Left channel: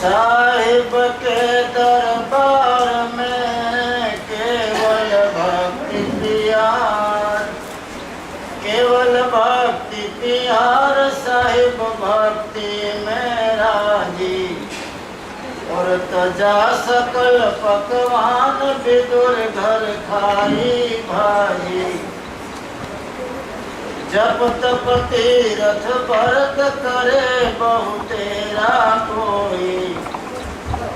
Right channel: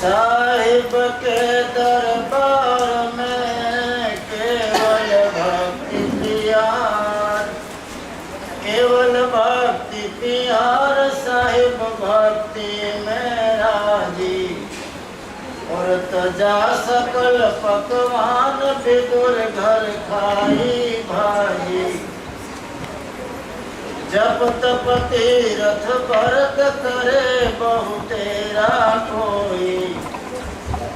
साहिब के दरबार में केवल भक्ति प्यार, केवल भक्ति प्यार, साहिब भक्ति में राजी। और तजा सकल पकवान विदुर घर खाई भाई। जप तप तीरथ भरत करे बहु तेरा कोई।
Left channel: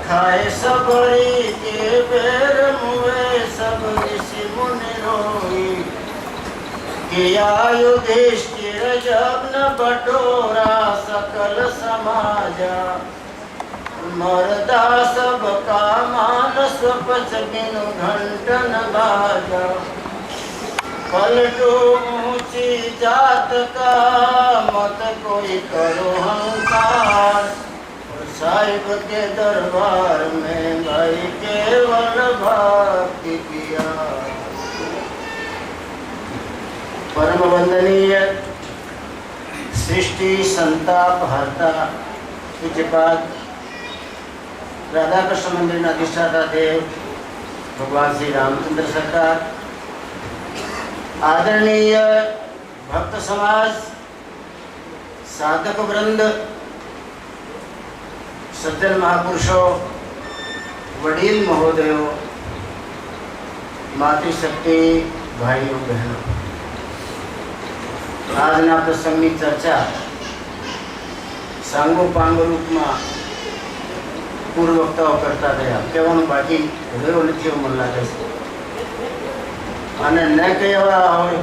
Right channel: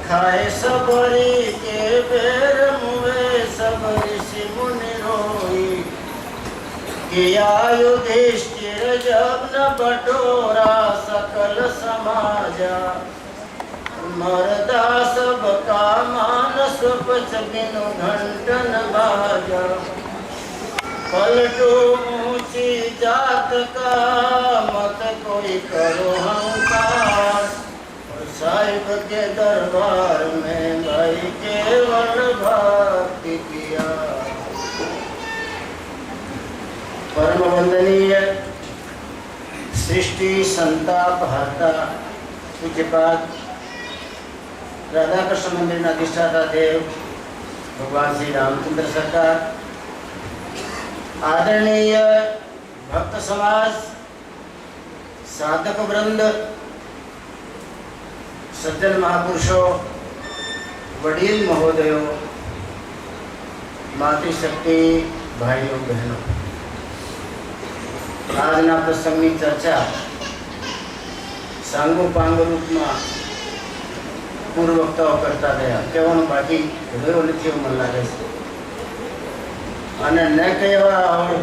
खाए सबरी के बेर मुए सब ऋषि मुनि रोई। किया युधिष्ठिर जब न बटोरा सकल समाजा। मरदा सब का मानस पच बिनु घंटन बाजा। पलटो ऊंची जात का मत कोई करो हंकार। साहिब के दरबार में भाई केवल भक्ति किया। परम वंदनीय सृष्टि संताप हरता पूज्यपाद राधा कृष्ण मंदिर अधिष्ठाता देव भगवान श्री रामचंद्र सरकार, आदरणीय भक्त समाज, साधक वृंद, सज्जन महापुरुषों, वडील महोदयों, मातृशक्ति भाइयों बहनों, આજના પ્રસંગની ચર્ચા સાંગો પાંગો રૂપમાં પૂર્વ વક્તાઓ કરતા રહ્યા. કહેવાનું બાકી રહ્યો નથી એવું મને લાગે છે. અને ન કહેવા હોય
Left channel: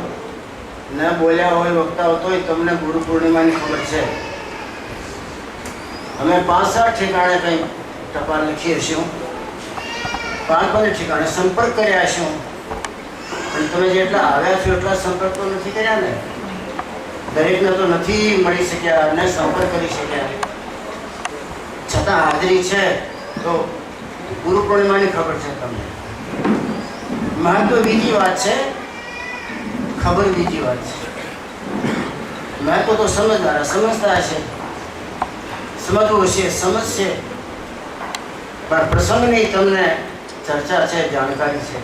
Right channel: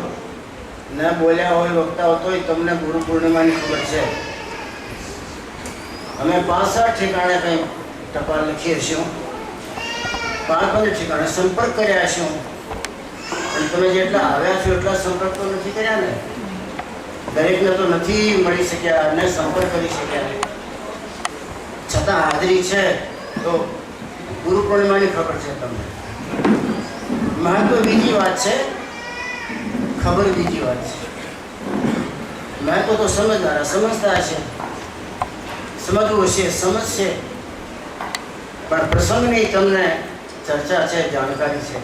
ન બોલ્યા હોય વક્તાઓ તોય તમને ગુરુ પૂર્ણિમાની ખબર છે. અમે 5-7 ઠેકાણે કંઈ ટપાલ લખી હશું, 5-5 ઠેકાણે સંપર્ક કર્યા હશું. અને તમે જેટલા આવ્યા છો એટલા સંપર્ક તો નથી કર્યા ને. દરેકને તો નથી મળી શક્યા ને સંપર્ક કરી શક્યા. છતાં હાજરી છે તો ગુરુ પૂર્ણિમાની ખબર છે તમને. महत्व बीजी बात है, खबर बीजी बात है. महत्व तो समझदार समझता है, समझવું છે, સમજ છે, પણ પ્રસંગની તમને ચર્ચા છે, જાણકારી છે.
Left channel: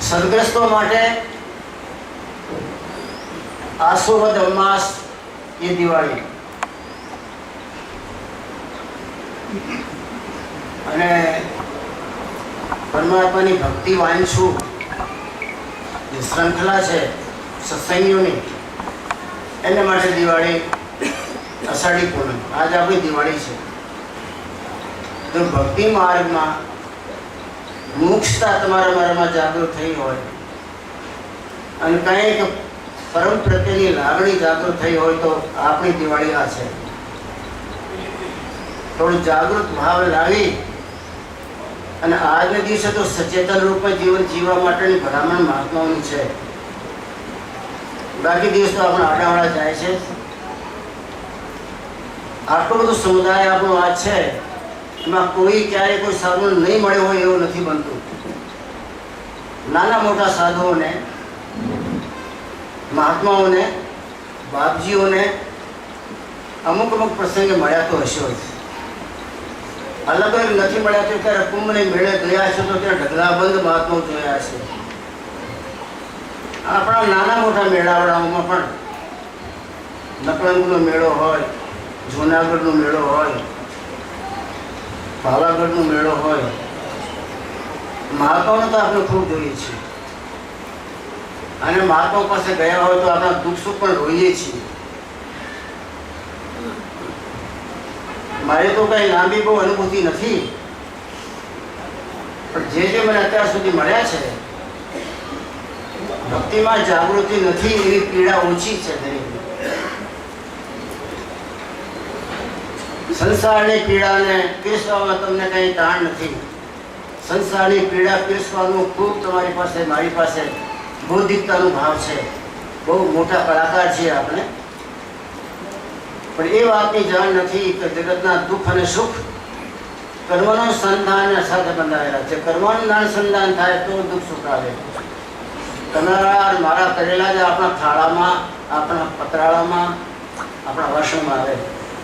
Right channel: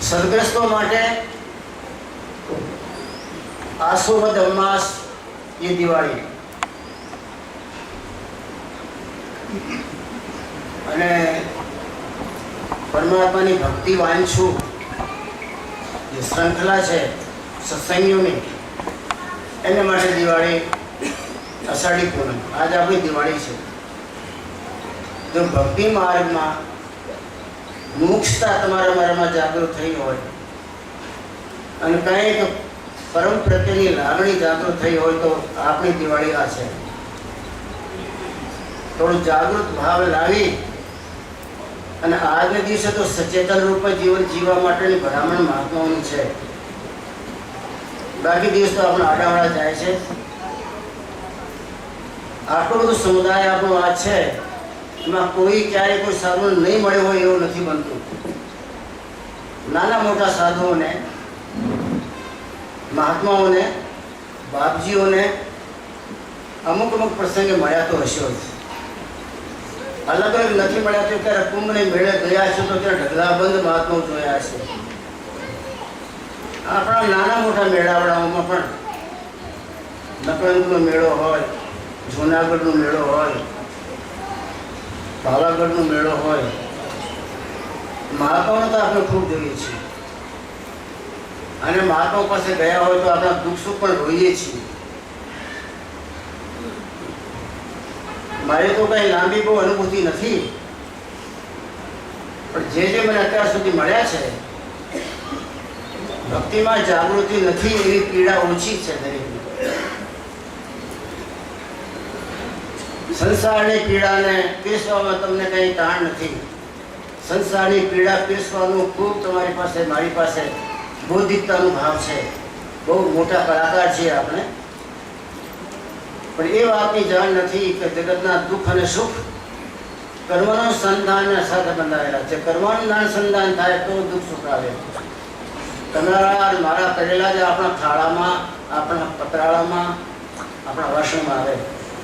સદગ્રસ્તો માટે આસોવદ અમાસ એ દિવાળી અને પરમાત્માની ભક્તિ વાંચું જે શ્રૃંખલા છે સત્સંગીઓની, એને માટે દિવાળી, અષાઢી પૂનમ, આજ આપણી દિવાળી છે. જો ભક્તિ માર્ગમાં મુક્ષતા તમારા મારામાં જાગૃત થઈ હોય અને કંઈક પરમ પ્રત્યેની લાગણી જાગૃત થઈ હોય તો આપણી દિવાળી આ છે. થોડું જાગૃત ભાવ લાવી અને આજના દિવસે તો સચેતન રૂપમાં જીવન જીવવા માટેની ભલામણ મહાત્માઓની છે. બાકી દિવસ તો આપણો આડાવાળા જાય છે. આટલો બધો સમુદાય આપણો આ છે, એમાં કોઈ ક્યારેય કોઈ સાધુ નહીં મળ્યો હોય એવું નથી બનતું. નાના મોટા સાધુઓને, મહાત્માઓને, બાપજીઓને અમુક અમુક પ્રસંગે મળ્યા તો હશે. અલગ અલગ નથી મળ્યા તો ત્યારે કુંભને મેળે ગયા છે તો ત્યારે ઢગલાબંધ મહાત્માઓ જોયા છે. આપણા નાના મોટા મેળાવડાઓમાં પણ નકળંગનો મેળો હોય, જૂનાગઢનો મેળો હોય, પાવાગઢનો મેળો હોય, મહાત્માઓને તો આપણે ખૂબ જોઈએ છીએ. અને મહાત્માઓ પાસે ગયા હોય તો આપણા દુઃખ સુખ પણ રોઈએ છીએ. મારે તો કઈ લાંબી બહુ અનુભૂતિ નથી, પણ જે મને અત્યાર સુધી મળ્યા છે, ભક્તિમાં જાગૃતિ નથી એવી પીડા ઓછી છે દરેકની. સંસારની પીડાને પીરસવામાં તમને કંઈ તાણ નથી. સંસારની પીડા પીરસવાનું ખૂબ તમારી પાસે, મારી પાસે બૌદ્ધિકતાનો ભાવ છે. બહુ મોટા કલાકાર છીએ આપણે, પણ એ વાતની જાણ નથી કે જગતના દુઃખ અને સુખ કર્મનો સંધાન સાથે બંધાયેલા છે. કર્મનું સંધાન થાય તો દુઃખ સુખ આવે. તમારા મારા કરેલા જ આપણા થાળામાં, આપણા પતરાળામાં, આપણા વાસણમાં આવે.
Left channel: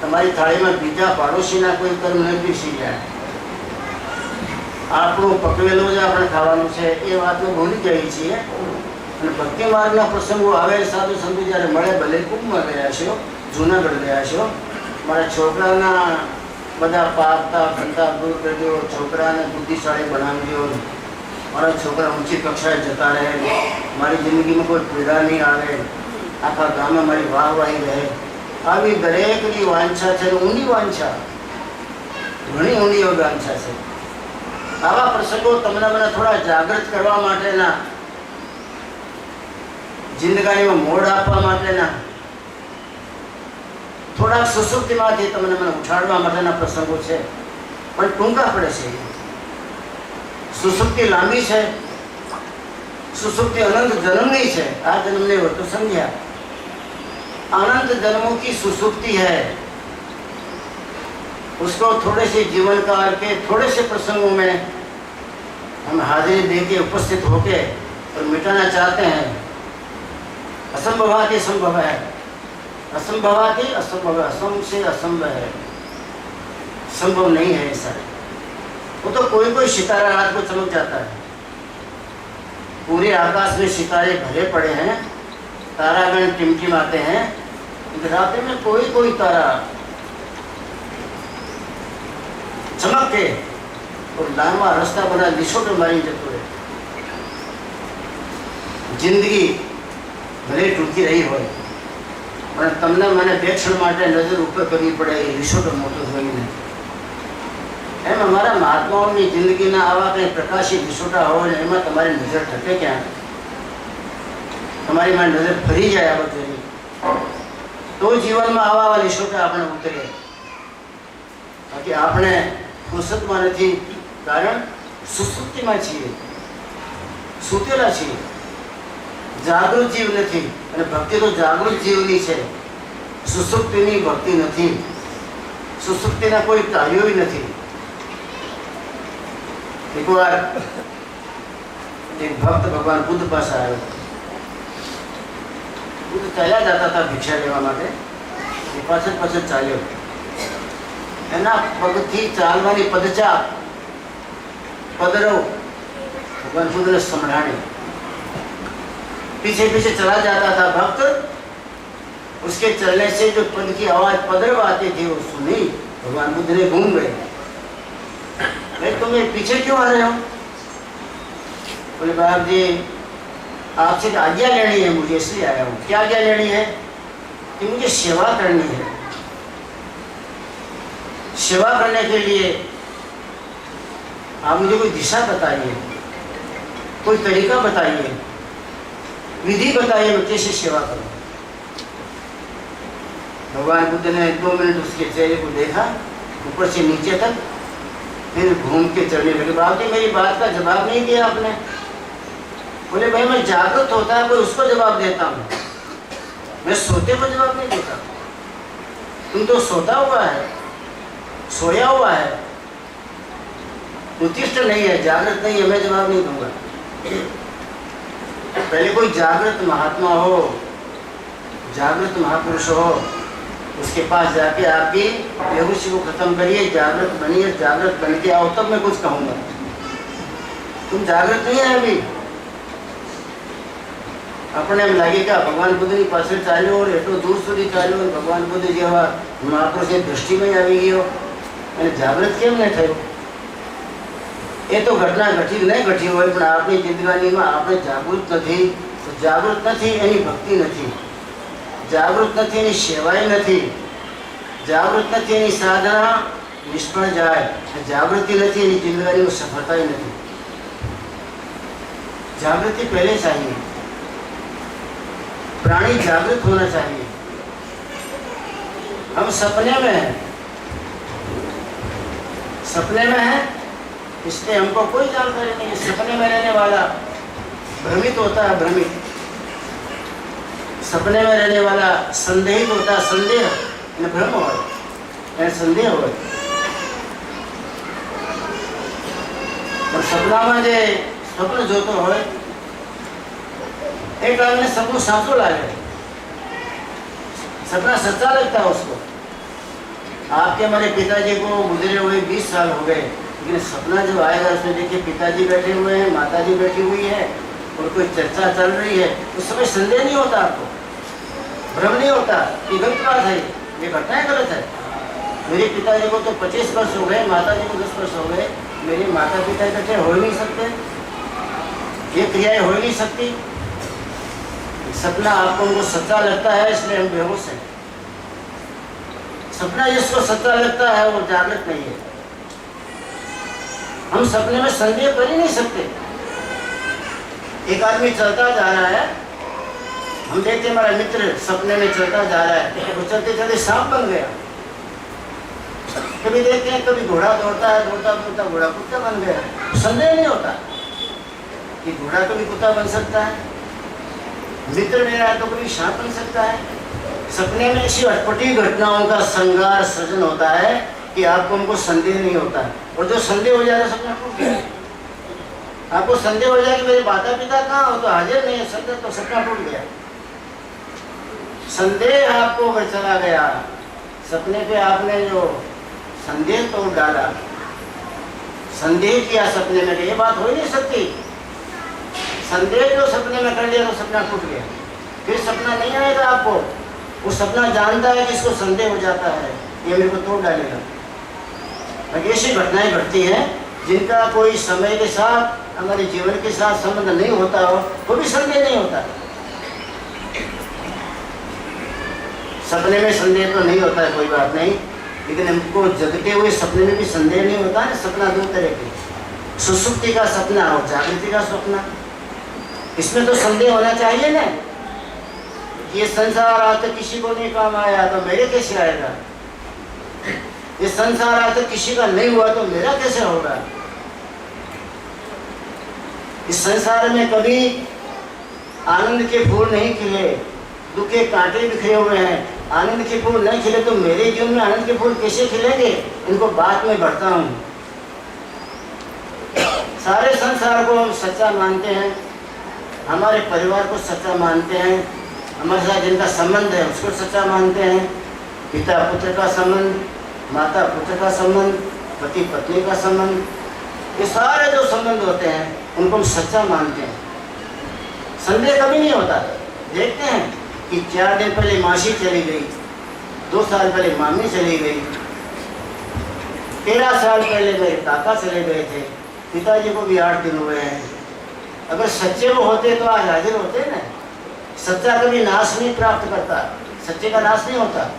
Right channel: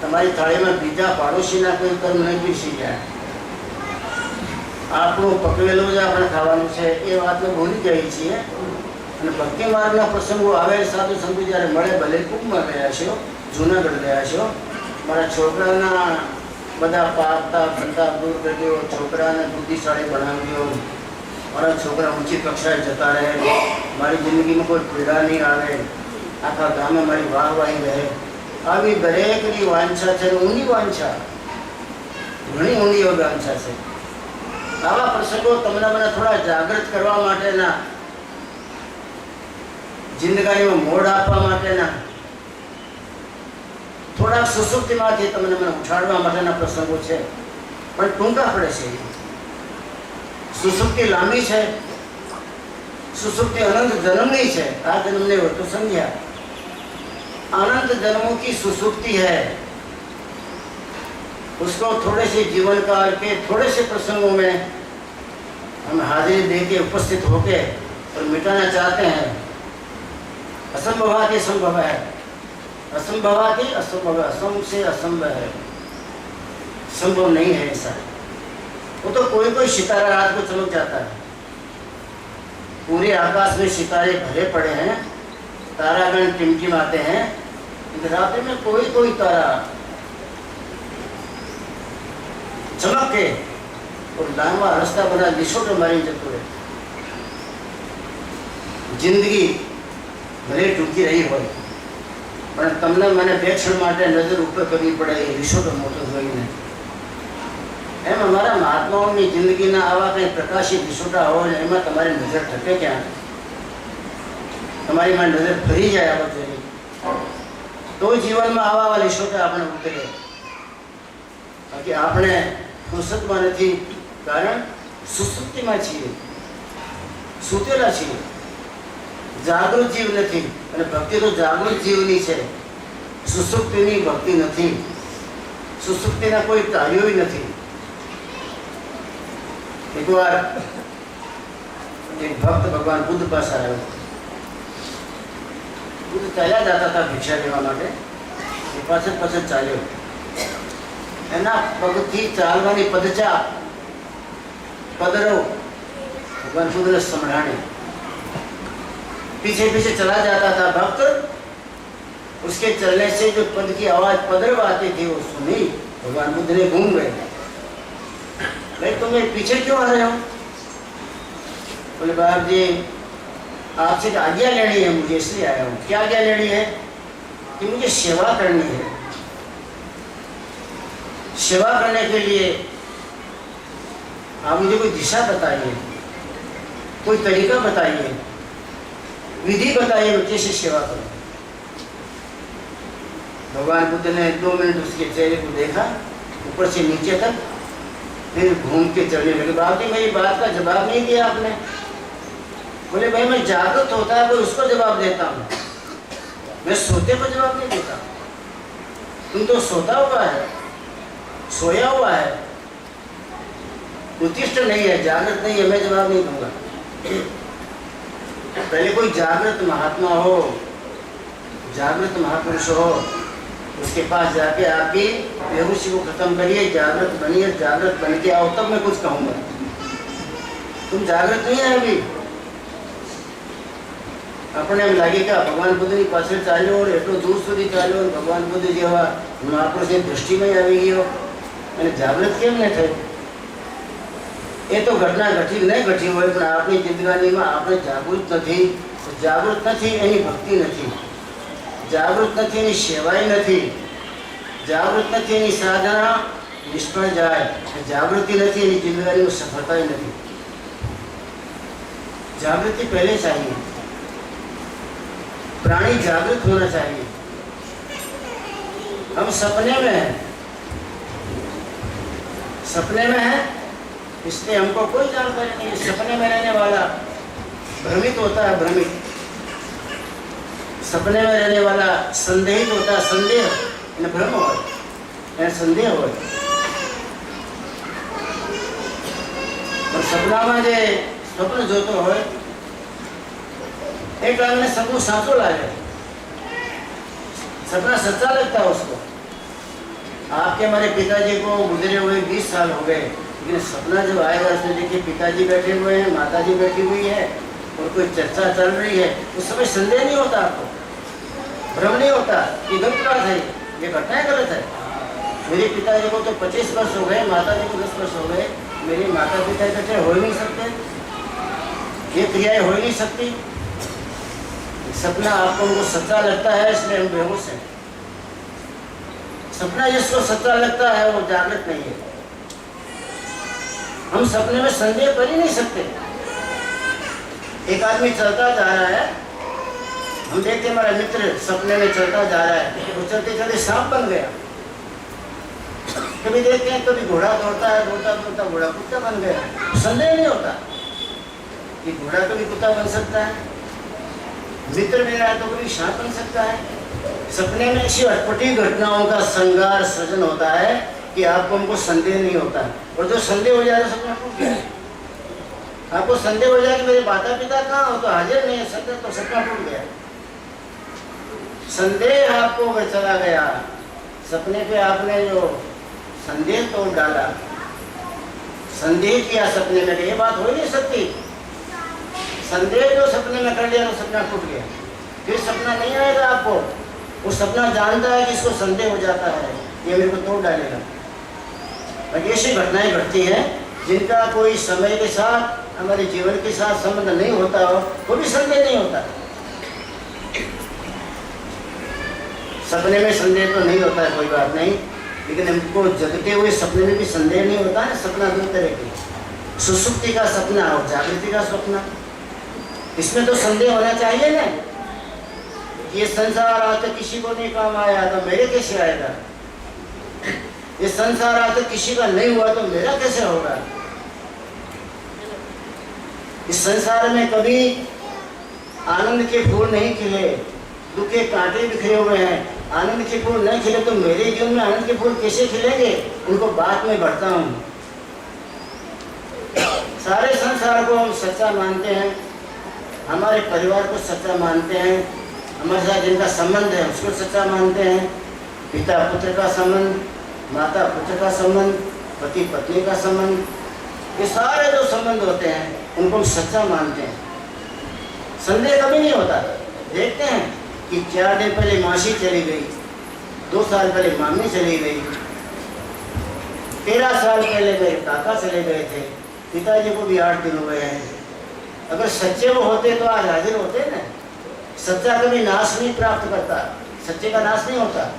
તમારી થાળીમાં બીજા પાડોશીના કોઈ કર્મ ન પીસી જાય. આપણું પકવેલું જ આપણે ખાવાનું છે એ વાતને ભૂલી જઈએ છીએ. અને ભક્તિ માર્ગના પ્રસંગો આવે સાધુ સંતો જ્યારે મળે, ભલે કુંભમાં ગયા છો, જુનાગઢ ગયા છો, મારા છોકરાના બધા પાપતા ફંતા દૂર કરજો, છોકરાને બુદ્ધિશાળી બનાવજો, મારા છોકરા ઊંચી કક્ષાએ જતા રહે, મારી જિંદગીમાં કોઈ પીડા નહીં આવે, આખા ગામે મારી વાહવાહી રહે. આવી દરેકની વાંછા છે, ઊંડી વાંછા, ઘણી ઊંડી વાંછા છે. આવા પ્રસંગો તમને મને થોડા જાગૃત કરવા માટેના, જિંદગાનીમાં મોડ આપવા માટેના, થોડાક સુસુપ્તિમાંથી તમને મને ઉઠાડવા માટેના પ્રસંગો છે, પણ ટૂંકા પડે છે. સુસુપ્તિ લાંબી છે, सुसुप्ति अनंत जन्मनी है। आ जन्म ने हो तो समझा, अनंत जन्मों की सुसुप्ति है। उसको थोड़े से जीवन काल के थोड़े से प्रसंगों में हम हाजिरी दे के उपस्थित होके और मिटाना चाहते हैं। असंभवाति संभव है, असंभवाति असंभव, असंभव से असंभव है, संभव नहीं है ऐसा। वो तो कोई कोई सितारा रात को चमक जाता है, पूरे आकाश में सितारे भरे पड़े हैं, तारागण टिमटिमाते हैं, रात में कोई कोई तारा चमक के और लांबा रास्ता बना लिशोट मारी जतो है। जिंदगी भले टूकी रही हो पण तमने मैंने બે ક્ષણ માટે નજર ઉપર કરવી પડે એ રિસોર્ટ મોટો જોઈને એમ અમારા મહાત્માઓની જિંદગીના આવા કંઈ પ્રકાશિત રિસોર્ટા હોય ને એમાં તમારી નજર ઠકે ક્યાં, તમારી માં નજર ફરી જાય આ બધું તો જીવનમાં આવા આવા રિસોર્ટા આપણે ઉતરે। બાકી આપણે ફુરસતમાં નથી, કારણ સુસુપ્તિમાં છીએ, સૂતેલા છીએ, જાગૃત જીવ નથી। અને ભક્તિ તો જાગૃત જીવની છે, સુસુપ્તિની ભક્તિ નથી, સુસુપ્તિના કોઈ કાર્યો નથી। एक बार एक भक्त भगवान बुद्ध पास आया। बुद्ध चला जाता था भिक्षा लेवा माटे, पाछळ पाछळ चाल्यो। एना पगथी चालवानी पदचा पदरो भगवान बुद्ध ने संभळाणी। पीछे पीछे चला जाता था भक्त, उसके चलने से जो पद की आवाज पदरव आती थी वो सुनी। भगवान बुद्ध ने घूम गए, मैं तुम्हें पीछे क्यों आ रहे हो? बोले बाप जी आपसे आज्ञा लेनी है, मुझे इसलिए आया हूँ। क्या आज्ञा लेनी है? कि मुझे सेवा करनी है। सेवा करने के लिए आप मुझे कोई दिशा बताइए, कोई तरीका बताइए, विधि बताइए, मैं कैसे सेवा करूँ। भगवान बुद्ध ने 2 मिनट उसके चेहरे को देखा, ऊपर से नीचे तक, फिर घूम के चलने लगे। बाप जी मेरी बात का जवाब नहीं दिया आपने। बोले भाई मैं जागृत होता है कोई उसको जवाब देता हूँ, मैं सोते को जवाब नहीं देता। तुम तो सोता हुआ है, सोया हुआ है, उत्तिष्ठ नहीं है, जागृत नहीं है, मैं जवाब नहीं दूंगा। पहले कोई जागृत महात्मा हो, जागृत महापुरुष हो, उसके पास जाके आपकी बेहोशी को खत्म करिए, जागृत बनिए, जागृत बन के आओ तब मैं कुछ कहूँगा। तुम जागृत नहीं है अभी। अपने एम लगे कि भगवान बुद्ध की पास चाल्यो और एटलो दूर सुधी चाल्यो, भगवान बुद्ध जेवा महापुरुषनी दृष्टि में आई गयो અને જાગૃત કેમ ન થયો? એ તો ઘટના ઘટી નહીં ઘટી હોય, પણ આપણી જિંદગીમાં આપણે જાગૃત નથી। જાગૃત નથી એની ભક્તિ નથી, जागृत नहीं एनी सेवाई नहीं, जागृत नहीं एनी साधना निष्फल जाए, जागृति नहीं एनी जिंदगी में सफलता ही नहीं। जागृति पहले चाहिए, प्राणी जागृत होना चाहिए। हम सपने में हैं, सपने में हैं इसलिए हमको कोई जानकारी नहीं है। सपने में रहने वाला भ्रमित होता है, भ्रमित। सपने में रहने वाला संदेहित होता है, संदेह ने भ्रम हो, संदेह हो। और सपना में जो स्वप्न जोतो हो एक ने सपनों साचो लागे, सपना सच्चा लगता है उसको, आपके हमारे पिताजी को गुजरे हुए 20 साल हो गए, लेकिन सपना जो आएगा उसमें देखिए पिताजी बैठे हुए हैं, माताजी बैठी हुई है और कोई चर्चा चल रही है, उस समय संदेह नहीं होता, आपको भ्रम नहीं होता कि गलत बात है, ये घटना गलत है। मेरे पिताजी को तो 25 वर्ष हो गए, माताजी को 10 वर्ष हो गए, मेरे माता पिता इकट्ठे हो ही नहीं सकते, ये क्रियाएं हो ही नहीं सकती। सपना आपको उनको सच्चा लगता है इसलिए हम बेहोश हैं। सपना जिसको सच्चा लगता है वो जागृत नहीं है। हम सपने में संदेह कर ही नहीं सकते। एक आदमी चलता जा रहा है, हम देखते हमारा मित्र सपने में चलता जा रहा है, वो चलते चलते सांप बन गया। कभी देखते हैं कभी घोड़ा दौड़ता है, दौड़ता दौड़ता घोड़ा कुत्ता बन गया। संदेह नहीं होता कि घोड़ा कभी कुत्ता बन सकता है, मित्र मेरा है तो कभी सांप बन सकता है। सपने में ऐसी अटपटी घटनाओं का श्रृंगार सृजन होता है कि आपको उनको संदेह नहीं होता है। और जो संदेह हो जाए सपना टूट गया, आपको संदेह हो जाए कि मेरे माता पिता कहाँ हो तो हाजिर नहीं है, संदेह तो सपना टूट गया। संदेह आपको अगर चला गया, सपने पे आपने जो संदेह तोड़ डाला, संदेह किया सपने में, ये बात हो ही नहीं सकती। संदेह जो सपने में कर लिया तो सपना टूट गया, फिर सपना नहीं आएगा आपको। वो सपना जानता है कि इसको संदेह हो जाता है, ये मेरे को तोड़ डालेगा। ऐसी घटनाएं घटती हैं जिनका कोई समय के साथ, हमारे जीवन के साथ संबंध नहीं होता हो, वो भी संदेह नहीं होता। सपने में संदेह तो नहीं होता है, कोई बात नहीं, लेकिन हमको जगते हुए सपने में भी संदेह नहीं होता है। सपना दो तरह के, सुसुप्ति का सपना और जागृति का सपना। इसमें तो संदेह होना चाहिए ना, ये संसार आज तक किसी को नहीं काम आया तो मेरे कैसे आएगा, ये संसार आज तक किसी का नहीं हुआ तो मेरा कैसे होगा। इस संसार में कभी आनंद के फूल नहीं खिले, दुख के कांटे बिखरे हुए हैं। आनंद के फूल नहीं खिले तो मेरे जीवन में आनंद के फूल कैसे खिलेंगे, उनको बाद में बढ़ता हूँ। सारे संसार को हम सच्चा मानते हैं, हमारे परिवार को सच्चा मानते हैं, हमारे साथ जिनका संबंध है उसको सच्चा मानते हैं। पिता पुत्र का संबंध, माता पुत्र का संबंध, पति पत्नी का संबंध, ये सारे जो संबंध होते हैं उनको हम सच्चा मानते हैं। संदेह कभी नहीं होता। देखते हैं कि 4 दिन पहले मासी चली गई, 2 साल पहले मामी चली गई, 13 साल पहले मेरे काका चले गए थे, पिताजी को भी 8 दिन हुए हैं। अगर सच्चे वो होते तो आज हाजिर होते ना। सच्चा कभी नाश नहीं प्राप्त करता, सच्चे का नाश नहीं होता,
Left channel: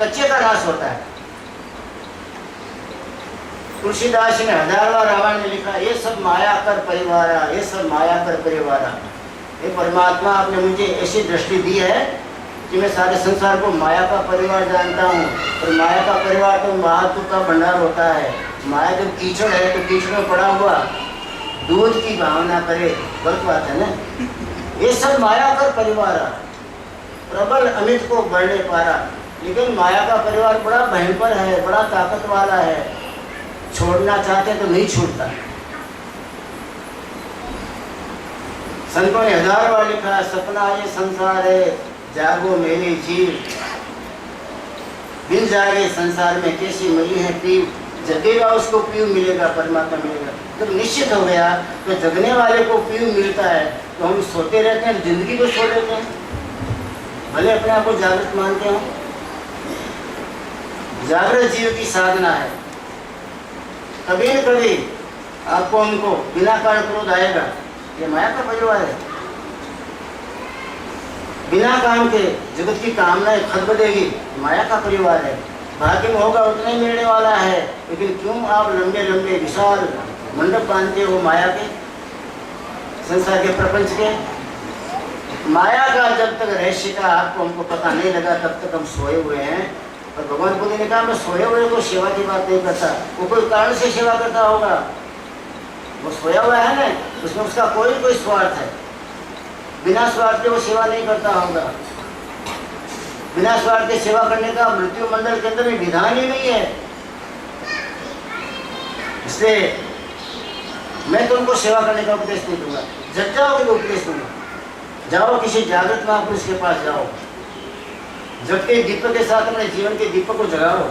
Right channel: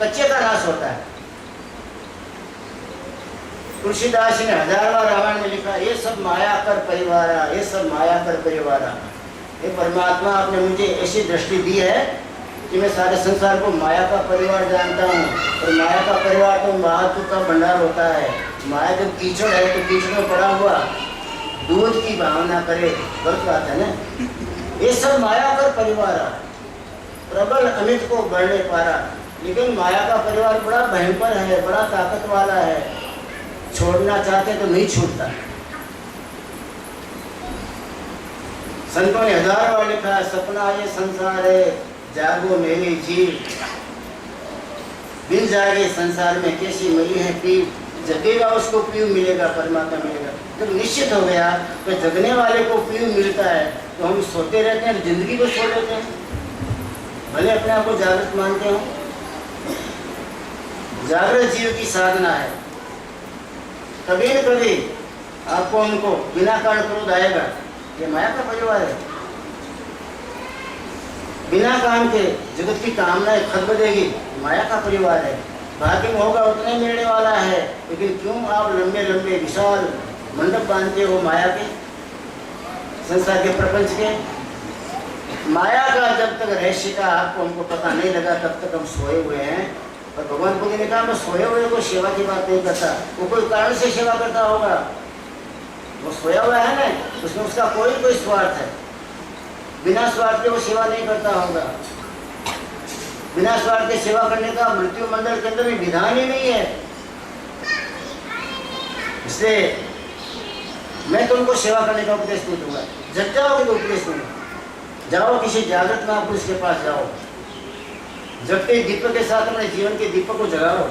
कच्चे का नाश होता है। तुलसीदास ने 1000वां रावण में लिखा, ये सब माया कर परिवारा, ये सब माया कर परिवारा। ये परमात्मा आपने मुझे ऐसी दृष्टि दी है कि मैं सारे संसार को माया का परिवार जानता हूँ। और माया का परिवार तो महात्म का भंडार होता है। माया जब कीचड़ है तो कीचड़ में पड़ा हुआ दूध की भावना करे, गलत बात है ना। ये सब माया कर परिवार, प्रबल अमित को बढ़ने पारा। लेकिन माया का परिवार बड़ा भयंकर है, बड़ा ताकत वाला है, छोड़ना चाहते तो नहीं छूटता। संतों ने 1000 बार लिखा, सपना ये संसार है, जागो मेरी जीव, बिन जागे संसार में कैसी मिली है पीव। जगेगा उसको पीव मिलेगा, परमात्मा मिलेगा। जब निश्चित हो गया तो जगने वाले को पीव मिलता है, तो हम सोते रहते हैं, जिंदगी को छोड़ देते हैं, भले अपने आप को जागृत मानते हो। जागृत जीव की साधना है। कभी न कभी आपको उनको बिना कारण क्रोध आएगा, ये माया का परिवार है। बिना काम के जगत की कामनाएं खदबदेगी, माया का परिवार है। भाग्य में होगा उतना ही मिलने वाला है, लेकिन क्यों आप लंबे लंबे विशाल मंडप बांधते हो माया के, संसार के, प्रपंच के। माया का जब तक रहस्य का आपको हमको पता नहीं लगा तब तक हम सोए हुए हैं। और भगवान बुद्ध ने कहा, मैं सोए हुए को सेवा की बात नहीं करता। वो कोई कारण से सेवा करता होगा, वो सोया हुआ है ना, उसमें उसका कोई स्वार्थ है। बिना स्वार्थ के वो सेवा नहीं करता होगा। बिना स्वार्थ के सेवा करने का मृत्यु मंडल के अंदर में विधान ही नहीं है। इसलिए मैं तुमको सेवा करने का उपदेश नहीं दूंगा, जब जाओगे तो उपदेश दूंगा। जाओ किसी जागृत महापुरुष के पास जाओ, जबकि दीपक के साथ अपने जीवन के दीपक को जगाओ।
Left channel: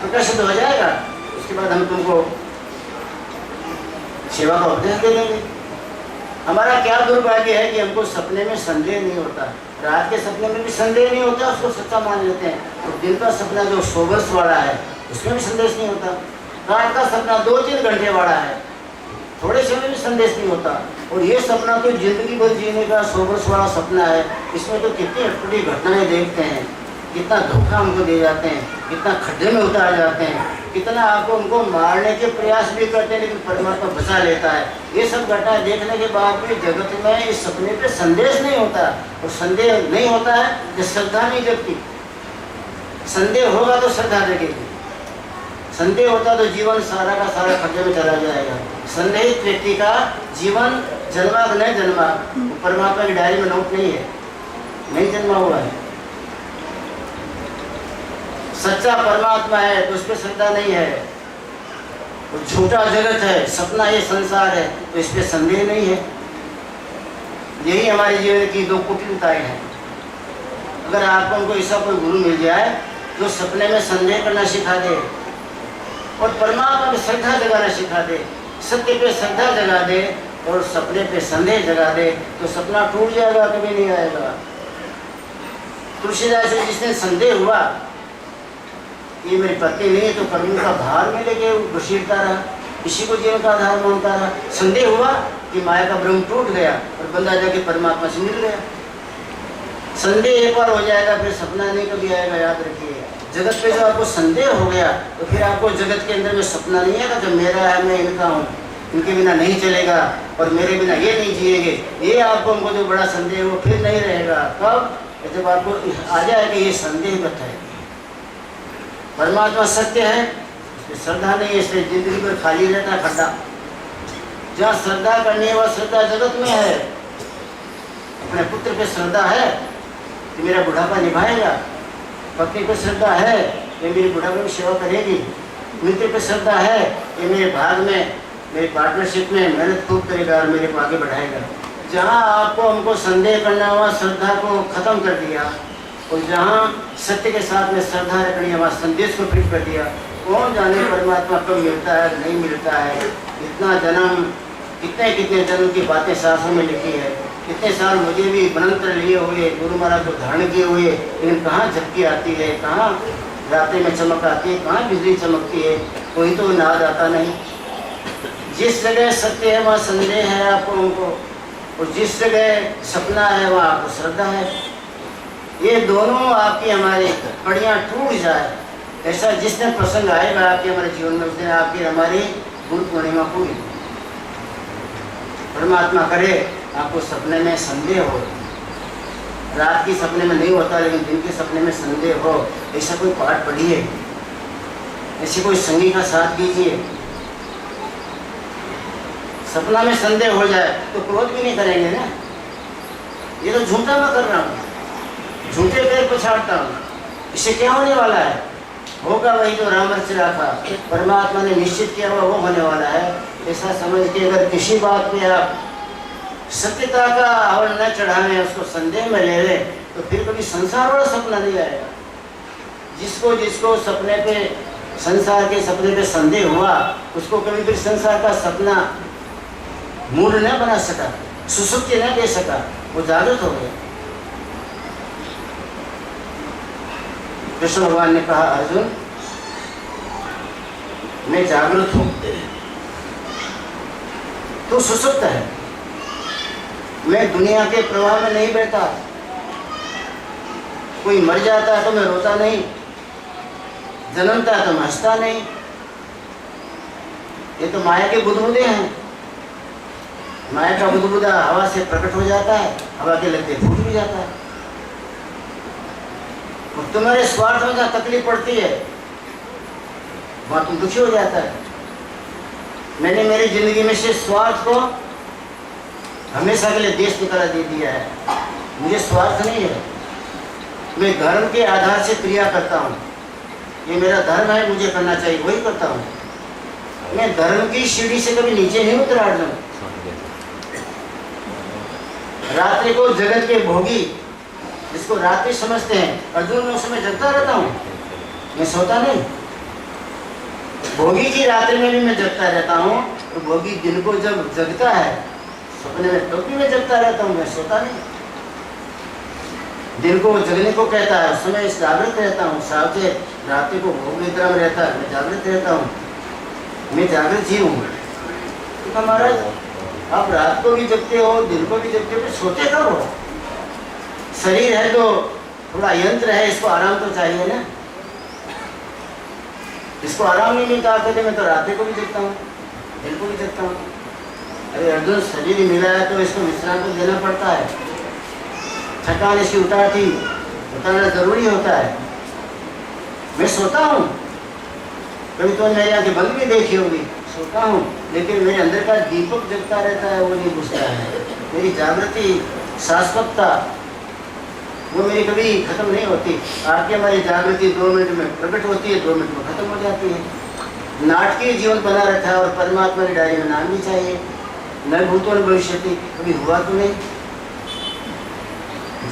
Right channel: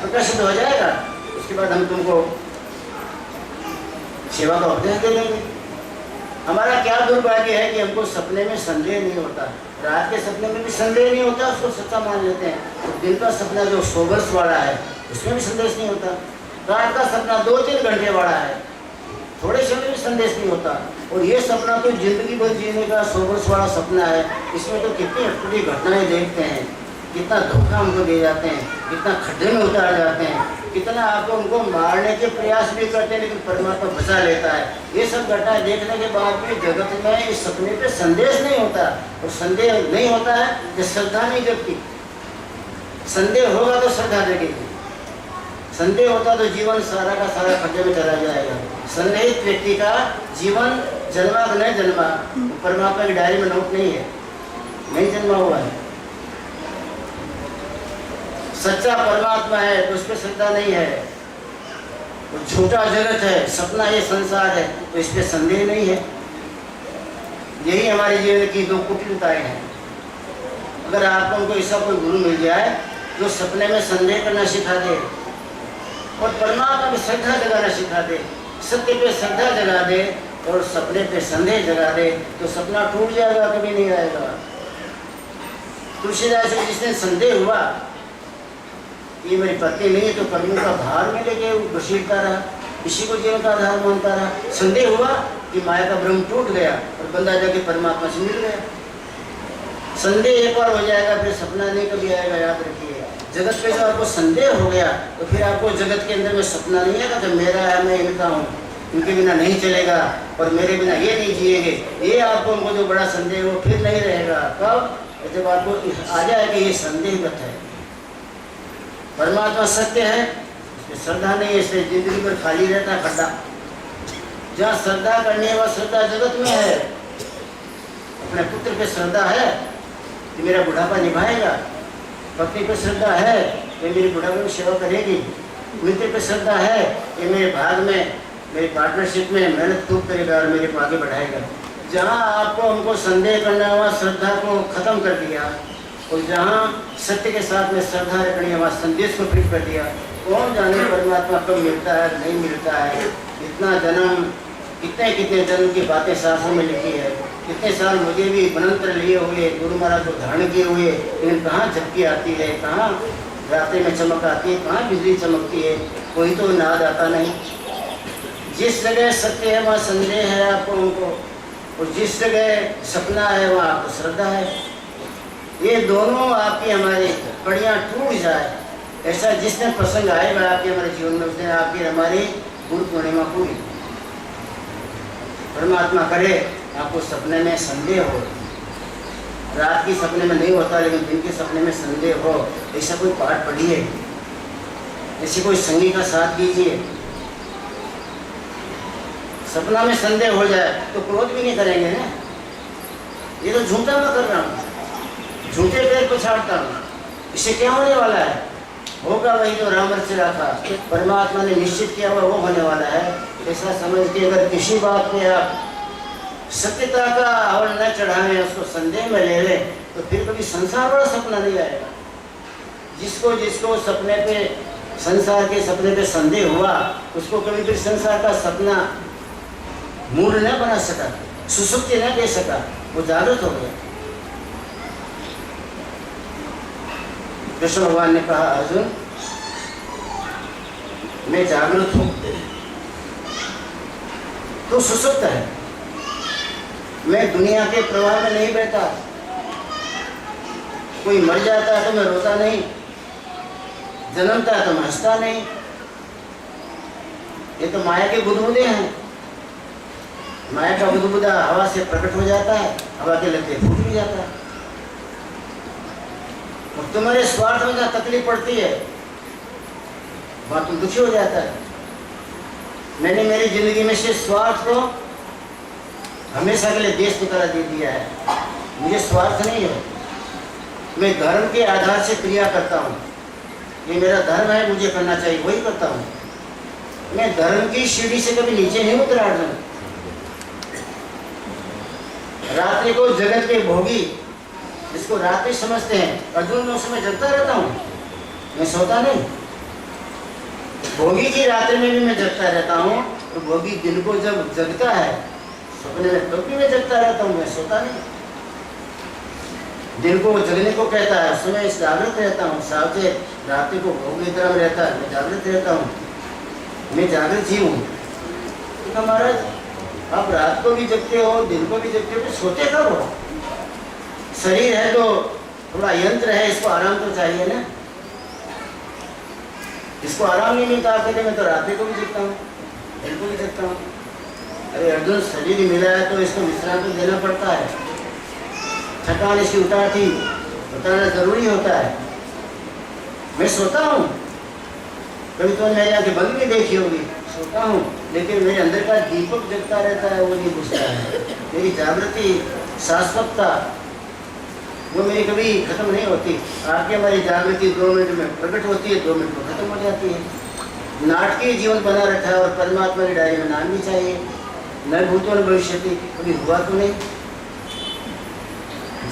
प्रकाशित हो जाएगा, उसके बाद हम तुमको सेवा का उपदेश दे देंगे। हमारा क्या दुर्भाग्य है कि हमको सपने में संदेह नहीं होता, रात के सपने में भी संदेह नहीं होता, उसको सच्चा मान लेते हैं। और दिन का सपना जो 100 वर्ष वाला है उसमें भी संदेश नहीं होता। रात का सपना 2-3 घंटे वाला है, थोड़े समय में संदेश नहीं होता। और ये सपना तो जिंदगी भर जीने का 100 वर्ष वाला सपना है, इसमें तो कितनी अटपटी घटनाएं देखते हैं, कितना धोखा हमको दे जाते हैं, कितना खड्डे में उतार जाते हैं, कितना आपको उनको मारने के प्रयास भी करते हैं, लेकिन परमात्मा बचा लेता है। ये सब घटनाएं देखने के बाद भी जगत में इस सपने पे संदेश नहीं होता। और संदेह नहीं होता है कि श्रद्धा नहीं जगती। संदेह होगा तो श्रद्धा जगेगी, संदेह होता तो जीवन सारा का सारा खड्डे में चला जाएगा। संदेहित व्यक्ति का जीवन जन्मा तो नहीं जन्मा, परमात्मा की डायरी में नोट नहीं है, नहीं जन्मा हुआ है। सच्चा परमात्मा है तो उस पर श्रद्धा नहीं है। वो झूठा जगत है, सपना ये संसार है, तो इस पर संदेह नहीं है। यही हमारे जीवन की 2 कुटिलताएं हैं। अगर आपको उनको ऐसा कोई गुरु मिल जाए जो सपने में संदेह करना सिखा दे और परमात्मा पे श्रद्धा जगाना सिखा दे, सत्य पे श्रद्धा जगा दे और सपने पे संदेह जगा दे, तो सपना टूट जाएगा, कभी नहीं आएगा। तुलसीदास से जिसने संदेह हुआ ये मेरी पत्नी नहीं तो कर्म का भार में लेके घसीटता रहा, इसी को जीवन का आधार मानता रहा। संदेह हुआ कि माया का ब्रह्म टूट गया और बंदा जाके परमात्मा से मिल गया। संदेह एक बार हो जाएगा फिर सपना नहीं कभी आएगा, याद रखिए। जगत पे जो आपको संदेह हो गया तो फिर आपको जगत के अंदर में सपना नहीं आएगा कि मेरा है, मैं इनका हूँ, इनके बिना नहीं चलेगा और मेरे बिना ये नहीं जिएंगे। ये आपको उनको जो बड़ा संदेह वो फिर नहीं रहेगा। कब? जब आपको आ जाए कि ये संदेहगत है, परमात्मा सत्य है, इसमें श्रद्धा नहीं है, इसमें जिंदगी भर खाली रहता है खड्डा। जहाँ श्रद्धा करनी है वह श्रद्धा जगत में है। अपने पुत्र पे श्रद्धा है कि मेरा बुढ़ापा निभाएगा, पत्नी पे श्रद्धा है कि मेरी बुढ़ापे में सेवा करेगी, मित्र पे श्रद्धा है कि मेरे भाग में, मेरी पार्टनरशिप में मेहनत खूब करेगा और मेरे को आगे बढ़ाएगा। जहाँ आपको हमको संदेह करना हुआ श्रद्धा को खत्म कर दिया और जहाँ सत्य के साथ में श्रद्धा रखनी है वहाँ संदेश को फिट कर दिया। कौन जाने परमात्मा कब मिलता है नहीं मिलता है। इतना जन्म, कितने कितने जन्म की बातें शास्त्रों में लिखी है, कितने साल मुझे भी मंत्र लिए हुए, गुरु महाराज को धारण किए हुए, लेकिन कहाँ झपकी आती है, कहाँ रात्रि में चमक आती है, कहाँ बिजली चमकती है, कोई तो नाद आता नहीं। जिस जगह सत्य है वहाँ संदेह है आपको उनको, और जिस जगह सपना है वहाँ आपको श्रद्धा है। ये दोनों आपकी हमारी कड़ियाँ टूट जाए, ऐसा जिसने प्रसंग आएगा आपके हमारे जीवन में उसने आपकी हमारी गुरु पूर्णिमा पूरी। परमात्मा करे आपको सपने में संदेह हो, रात की सपने में नहीं होता लेकिन दिन के सपने में संदेह हो, ऐसा कोई पाठ पढ़िए, ऐसे कोई संगी का साथ कीजिए। सपना में संदेह हो जाए तो क्रोध भी नहीं करेंगे ना, ये तो झूठा मैं कर रहा हूँ, झूठे पैर पछाड़ता हूँ, इससे क्या होने वाला है? होगा वही जो राम रचा था, परमात्मा ने निश्चित किया हुआ वो होने वाला है। ऐसा समझ के अगर किसी बात में आप सत्यता का हवन न चढ़ाने, उसको संदेह में ले लें, तो फिर कभी संसार वाला सपना नहीं आएगा। जिसको जिसको सपने पे, संसार के सपने पे संदेह हुआ, उसको कभी फिर संसार का सपना मूड न बना सका, सुसुप्ति न दे सका, वो जागृत हो गया। कृष्ण भगवान ने कहा, अर्जुन मैं जागृत हूं, तू सुसुप्त है, मैं दुनिया के प्रवाह में नहीं बैठा। कोई मर जाता है तो मैं रोता नहीं, जन्मता है तो मैं हंसता नहीं। ये तो माया के बुदबुदे हैं। माया का बुदबुदा हवा से प्रकट हो जाता है, हवा के लगते फूट भी जाता है। और तुम्हारे स्वार्थ में जहाँ तकलीफ पड़ती है वहाँ तुम दुखी हो जाता है। मैंने मेरी जिंदगी में से स्वार्थ को हमेशा के लिए देश निकाला दे दिया है। मुझे स्वार्थ नहीं है, मैं धर्म के आधार से क्रिया करता हूँ। ये मेरा धर्म है, मुझे करना चाहिए, वही करता हूँ। मैं धर्म की सीढ़ी से कभी नीचे नहीं उतरा। अर्जुन, रात्रि को जगत के भोगी जिसको रात्रि समझते हैं, अर्जुन मैं उस समय जगता रहता हूँ, मैं सोता नहीं। भोगी की रात्रि में भी मैं जगता रहता हूँ, तो भोगी दिन को जब जगता है सपने में, तो भी मैं जगता रहता हूँ, मैं सोता नहीं। दिन को जगने को कहता है, उस समय जागृत रहता हूँ, सावचेत। रात्रि को भोग निद्रा में रहता है, मैं जागृत रहता हूँ, मैं जागृत जीव हूँ। तो महाराज आप रात को भी जगते हो, दिन को भी जगते हो, तो सोते कब हो? शरीर है तो थोड़ा यंत्र है, इसको आराम तो चाहिए ना। इसको आराम नहीं मिलता, कहते मैं तो रात को भी जगता हूँ, दिन को भी जगता हूँ। अरे अर्जुन, शरीर ही मिला है तो इसको विश्राम तो देना पड़ता है। थकान इसकी उतारना जरूरी होता है। मैं सोता हूँ, कभी तो मेरी आंखें बंद भी देखी होगी, सोता हूँ, लेकिन मेरे अंदर का दीपक जगता रहता है, वो नहीं बुझता है। मेरी जागृति, शाश्वतता, वो मेरी कभी खत्म नहीं होती। आपकी हमारी जागृति 2 मिनट में प्रकट होती है, 2 मिनट में खत्म हो जाती है। नाटकीय जीवन बना रखा है, और परमात्मा की डायरी में नाम भी चाहिए। न भूतो न भविष्यति, कभी हुआ तो नहीं।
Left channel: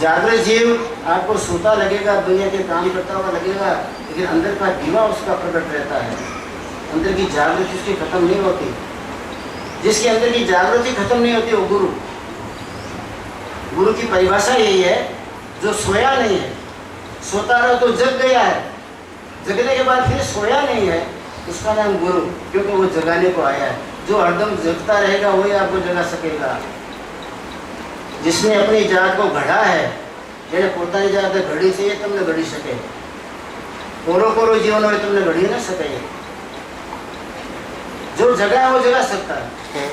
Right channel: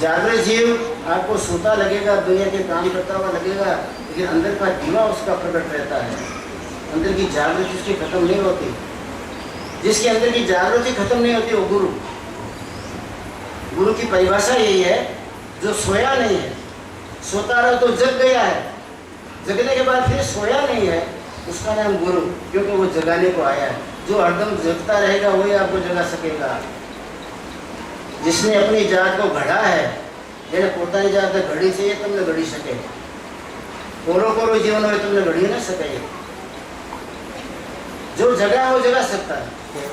जागृत जीव आपको सोता लगेगा, दुनिया के काम करता हुआ लगेगा, लेकिन अंदर का दीवा उसका प्रकट रहता है। अंदर की जागृति उसकी खत्म नहीं होती। जिसके अंदर की जागृति खत्म नहीं होती वो गुरु। गुरु की परिभाषा यही है, जो सोया नहीं है, सोता रहो तो जग गया है, जगने के बाद फिर सोया नहीं है, उसका नाम गुरु, क्योंकि वो जगाने को आया है। जो हरदम जगता रहेगा वही आपको जगा सकेगा। जिसने अपनी जात को घड़ा है, जेने પોતાની જાત ઘડી છે, એ તમને ઘડી શકે। કોરો જીવન હોય તમને ઘડી ન શકે। जो जगा है वो जगा सकता है।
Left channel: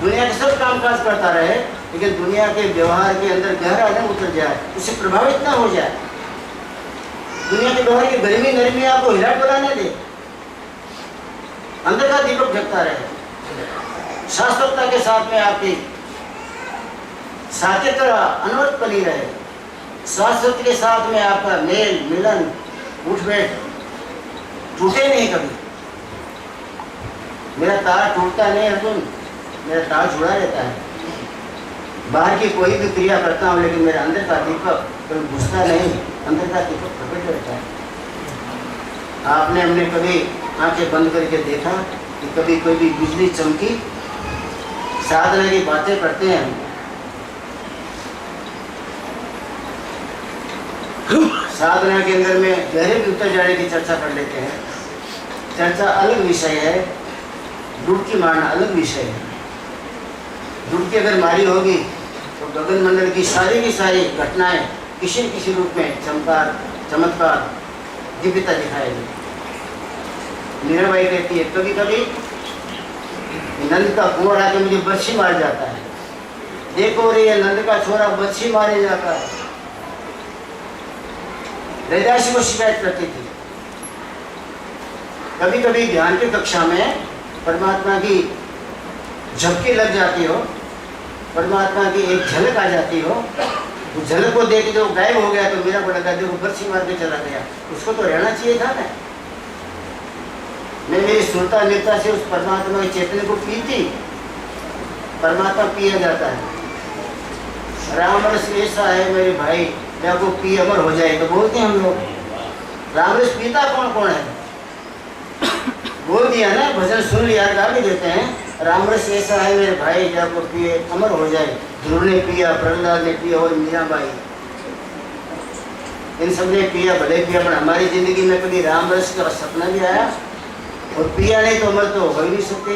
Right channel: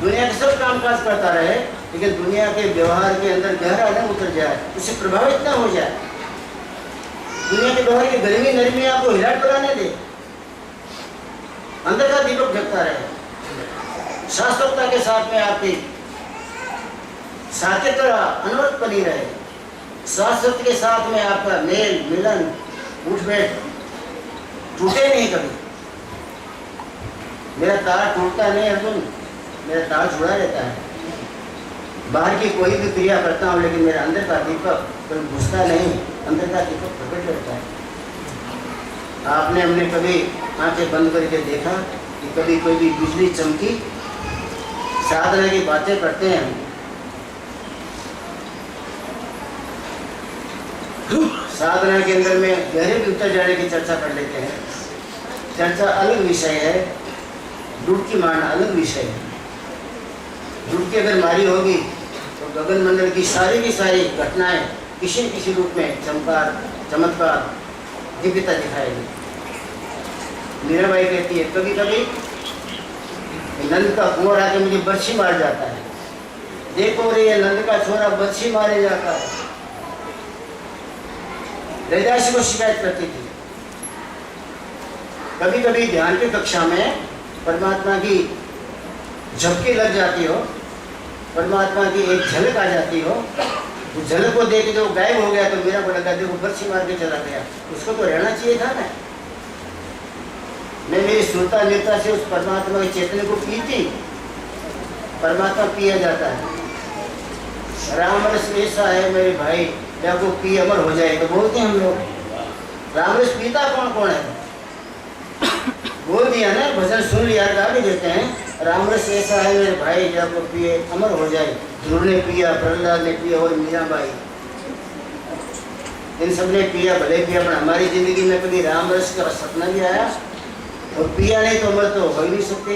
दुनिया के सब कामकाज करता रहे, लेकिन दुनिया के व्यवहार के अंदर गहरा न उतर जाए, उससे प्रभावित ना हो जाए। दुनिया के व्यवहार की गर्मी नरमी आपको हिला डुला न दे, अंदर का दीपक जगता रहे। शाश्वतता के साथ में आपकी सात्यता अनवरत बनी रहे। शाश्वत के साथ में आपका मेल मिलन उठ बैठ टूटे नहीं कभी। मेरा तार टूटता नहीं अर्जुन, मेरा तार जुड़ा रहता है। बाहर की कोई भी क्रिया करता हूँ, लेकिन मेरे अंदर का दीपक कभी बुझता नहीं, अंदर का दीपक प्रकट रहता है। आपने हमने कभी आंखें बंद करके देखा कि कभी कोई भी बिजली चमकी? साधना की बातें करते हैं हम, साधना के अंदर में गहरे भी उतर जाने की चर्चा कर लेते हैं। चर्चा अलग विषय है, डुबकी मारना अलग विषय है। डुबकी अगर मारी होगी तो गगन मंडल की सारी घटनाएं किसी न किसी रूप में चमत्कार दिव्यता दिखाएगी। मीराबाई कहती है, कभी कभी नंद का कुंवर आके मुझे बर्छी मार जाता है। देखो रे, ये नंद का छोरा बर्छी मारे जाता है। रैदासी को शिकायत करती थी। कभी कभी ध्यान की कक्षा में परमात्मा की झपकी लग जाती हो, परमात्मा की एक झलक आ जाती हो, तो झलक को देख के जो गायब हो गया, तो मेरा बड़ा देखो बर्छी मार के चला गया। उसको तो रहना चाहिए था ना। मैं मेरी सुरता नेता से उस परमात्मा की चेतने को पीती। परमात्मा पिया जाता है। राम रस ऐसा है मेरे भाई, या को पी अमर हो जाए, तो बोलते हैं हम लोग। राम रस पीता कौन कौन है? बोल दिया ना, भजन सुन लिया, गा भी देते हैं। राम रस ऐसा है मेरे भाई, या को पिए अमर हो जाए। ध्रुव ने पिया, प्रहलाद ने पिया और मीराबाई, इन सब ने पिया, भले पिया, पर हमारी जिंदगी में कभी राम रस का सपना भी आया? और पिया नहीं तो अमर तो हो ही नहीं सकते।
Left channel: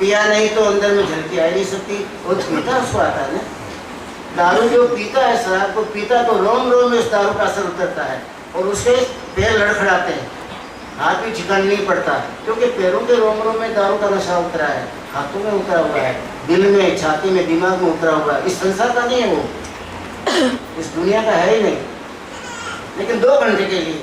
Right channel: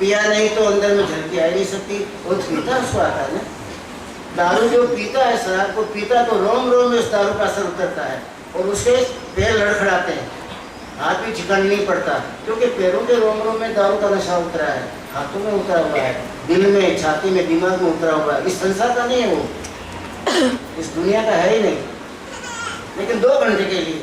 पिया नहीं तो अंदर में झलकी आ नहीं सकती। और पीता उसको आता है ना। दारू जो पीता है, शराब को पीता, तो रोम रोम में उस दारू का असर उतरता है और उसके पैर लड़खड़ाते हैं, हाथ भी ठिकाने नहीं पड़ता, क्योंकि पैरों के रोम रोम में दारू का नशा उतरा है, हाथों में उतरा हुआ है, दिल में, छाती में, दिमाग में उतरा हुआ है। इस संसार का नहीं है वो, इस दुनिया का है ही नहीं, लेकिन 2 घंटे के लिए।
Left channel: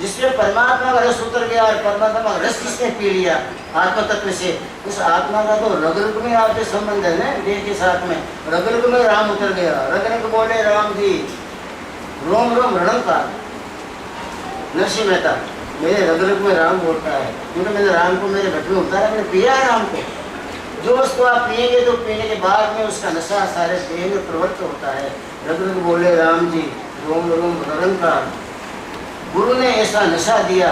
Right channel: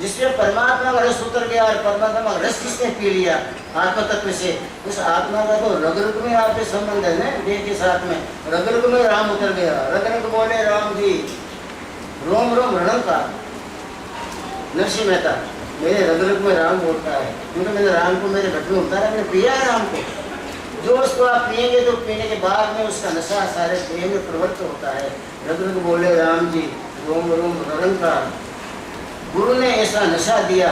जिसमें परमात्मा का रस उतर गया, और परमात्मा का रस किसने पी लिया आत्म तत्व से, उस आत्मा का तो रग रग में आपके संबंध है ना, देह के साथ में। रग रग में राम उतर गया। रग रग बोले राम जी, रोम रोम रणम का। नरसिंह मेहता, मेरे रग रग में राम बोलता है, क्योंकि मैंने राम को मेरे घट में उतारा, मैंने पिया है राम को। जो उसको आप पिएंगे तो पीने के बाद में उसका नशा सारे देह में प्रवृत्त होता है। रग रग बोले राम जी, रोम रोम रंग का। गुरु ने ऐसा नशा दिया,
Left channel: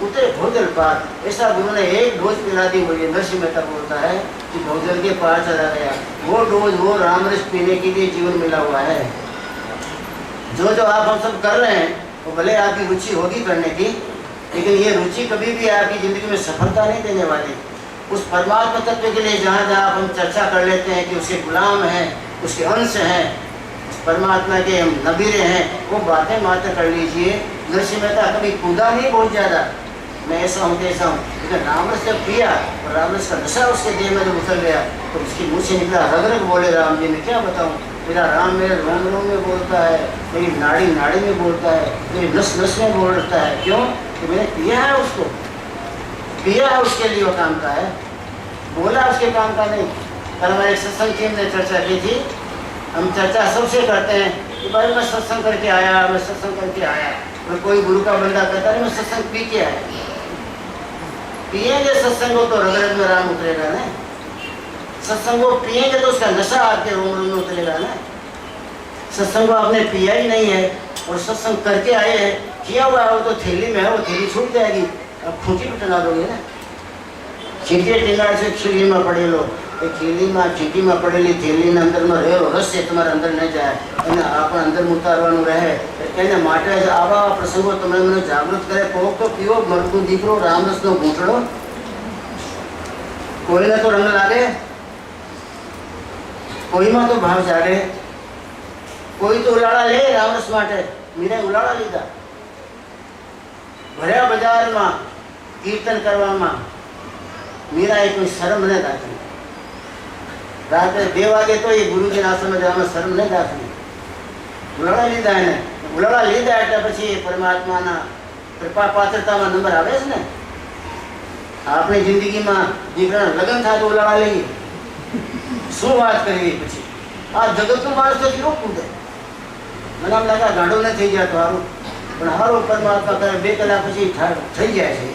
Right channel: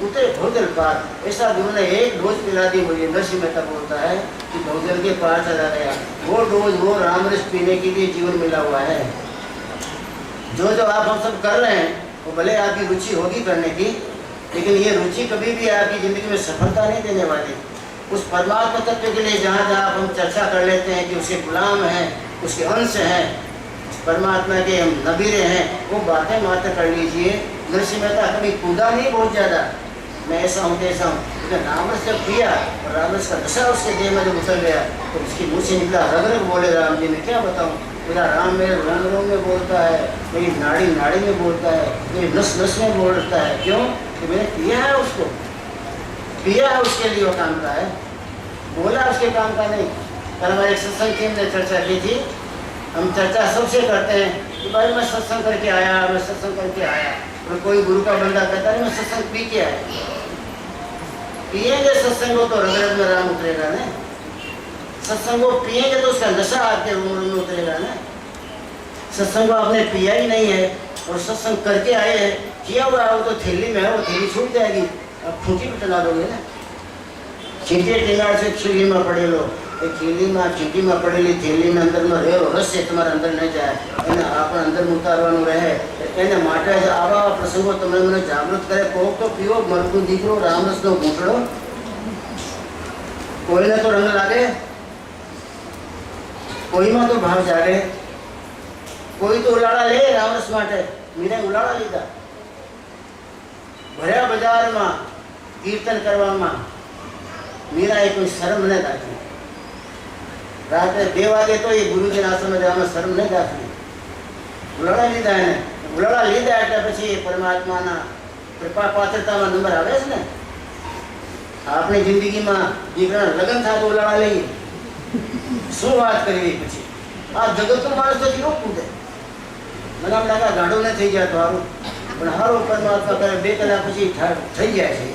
उतरे भोजल पार, ऐसा गुरु ने एक डोज पिला दी। मुझे नरसिंह मेहता बोलता है कि भोजल के पार चला गया। वो डोज, वो रामरस पीने के लिए जीवन मिला हुआ है। जो जो आप हम सब कर रहे हैं वो भले आपकी रुचि होगी करने की, लेकिन ये रुचि कभी भी आपकी जिंदगी में सफलता नहीं देने वाली। उस परमात्मा तत्व के लिए जहाँ जहाँ आप हम चर्चा कर लेते हैं कि उसके गुलाम हैं, उसके अंश हैं, परमात्मा के हम नबीरे हैं, वो बातें मात्र कर लीजिए। नरसिंह मेहता कभी कूदा नहीं बहुत ज़्यादा, मैं ऐसा हूँ कैसा हूँ, लेकिन रामरस जब पिया और रामरस का नशा उसके देह में जब उतर गया तो उसकी मुँह से निकला रग रग बोले राम जी। मैं क्या बताऊँ, मेरा राम मेरे रोम रोम में बोलता है, मेरी नाड़ी नाड़ी में बोलता है, मेरी नस नस में बोलता है। क्यों? कि मैंने पिया है उसको, पिया है उसके लिए वो काम का है, बोला उसके काम का नहीं। कल हमारे एक सत्संग टीम ने चर्चा की थी। हम चर्चा सबसे करते हैं कि भाई मैं सत्संग करके आया, मैं सत्संग करके आया। और कोई गुरु का बंदा कहता है मैं सत्संग पी के आया। पिएंगे सत्संग को तो रग रग में राम उतरेगा ना, सत्संग को पिएंगे तो उसका नशा आपके रोम रोम में उतरेगा ना। सत्संग को आपने पिया ही नहीं है और सत्संग करके आए हैं, किया हुआ है वो तो थैली में है, वो थैली छूट जाएगी, अब खूंटी पे टंगा दोगे ना। चीटी टीनार से खीली में पड़े लो, खीली में चीटी में पड़ेली थैली ने अंदर में रहो, रस से तुम्हारे अंदर नहीं जाए, એને આપણ અંદર ઉતારવાનું રહે। એને માટે આવા પ્રસંગો તમને મને જાગૃત કરે। કોક તો પીવો મરતું દીકરો રામરસનો ઘૂંટડો, કોઈને તો રંગ લાગે, કોઈમાં તો ભાવ જાગે, કોઈ તો ઉલાળા લે રામરસ માટે। મીરાએ ઉલાળા લીધા, ભર્યા બજારમાં કીર્તન કરવામાં મીરાએ કોઈ શરમ ન રાખી। રાત્રે 2 વાગે તો એ ગુરુજીના આશ્રમે જવામાં શરમ ન રાખી, ઉલાળા લીધા એને। ઉલાળા લીધા એટલે પછી પરમાત્માના કૃપા પાત્રતામાં નંબર આવે છે ને। આપણી જિંદગીમાં દીકરાના લગ્ન થાય તો ઉલાળા લઈએ, શું વાત કરવી પછી? આ જગતનો માણસ તો કેવો કૂદે, મને આમ લાગે ગાંડો ન થઈ જાય તો સારું, પણ સારું પરમાત્મા કરે 2 કલાક પછી થઈ જાય છે।